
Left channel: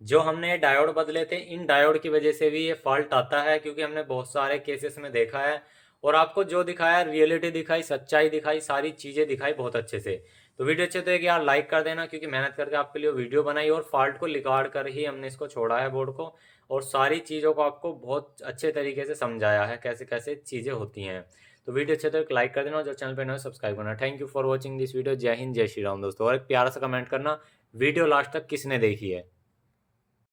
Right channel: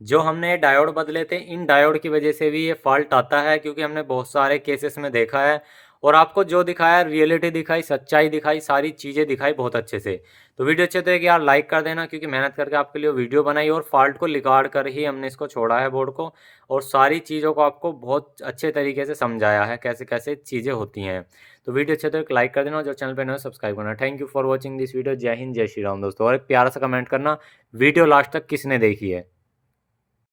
जो हमने डायोड बदले थे, इन डायोड की वजह से भी ये फॉल्ट आता है, क्योंकि हमने बहुत सारे केसेस में देखा है, और आपको जो दिखाया, रियलिटी दिखाई, सच्चाई दिखाई, सारी चीज़ें दिखाई बहुत अच्छे से। तो वीडियो अच्छे तो एक यार लाइक कर देना, क्योंकि मेहनत करके आपके लिए वीडियो बनाई, और फॉल्ट को निकाल कर ही हमने इसको छोड़ा है बोर्ड को, और सारी चीज़ों को आपको बहुत अच्छे तरीके से समझाया है, कैसे कैसे चीज़ें होती हैं। तो वीडियो अच्छे तो एक लाइक कर देना, और जो चैनल पर नए सब्सक्राइब करना। Thank you for watching this video. जय हिंद, जय श्री राम दोस्तों। और एक प्यारा सा कमेंट करना, वीडियो लास्ट तक किसने देखी है।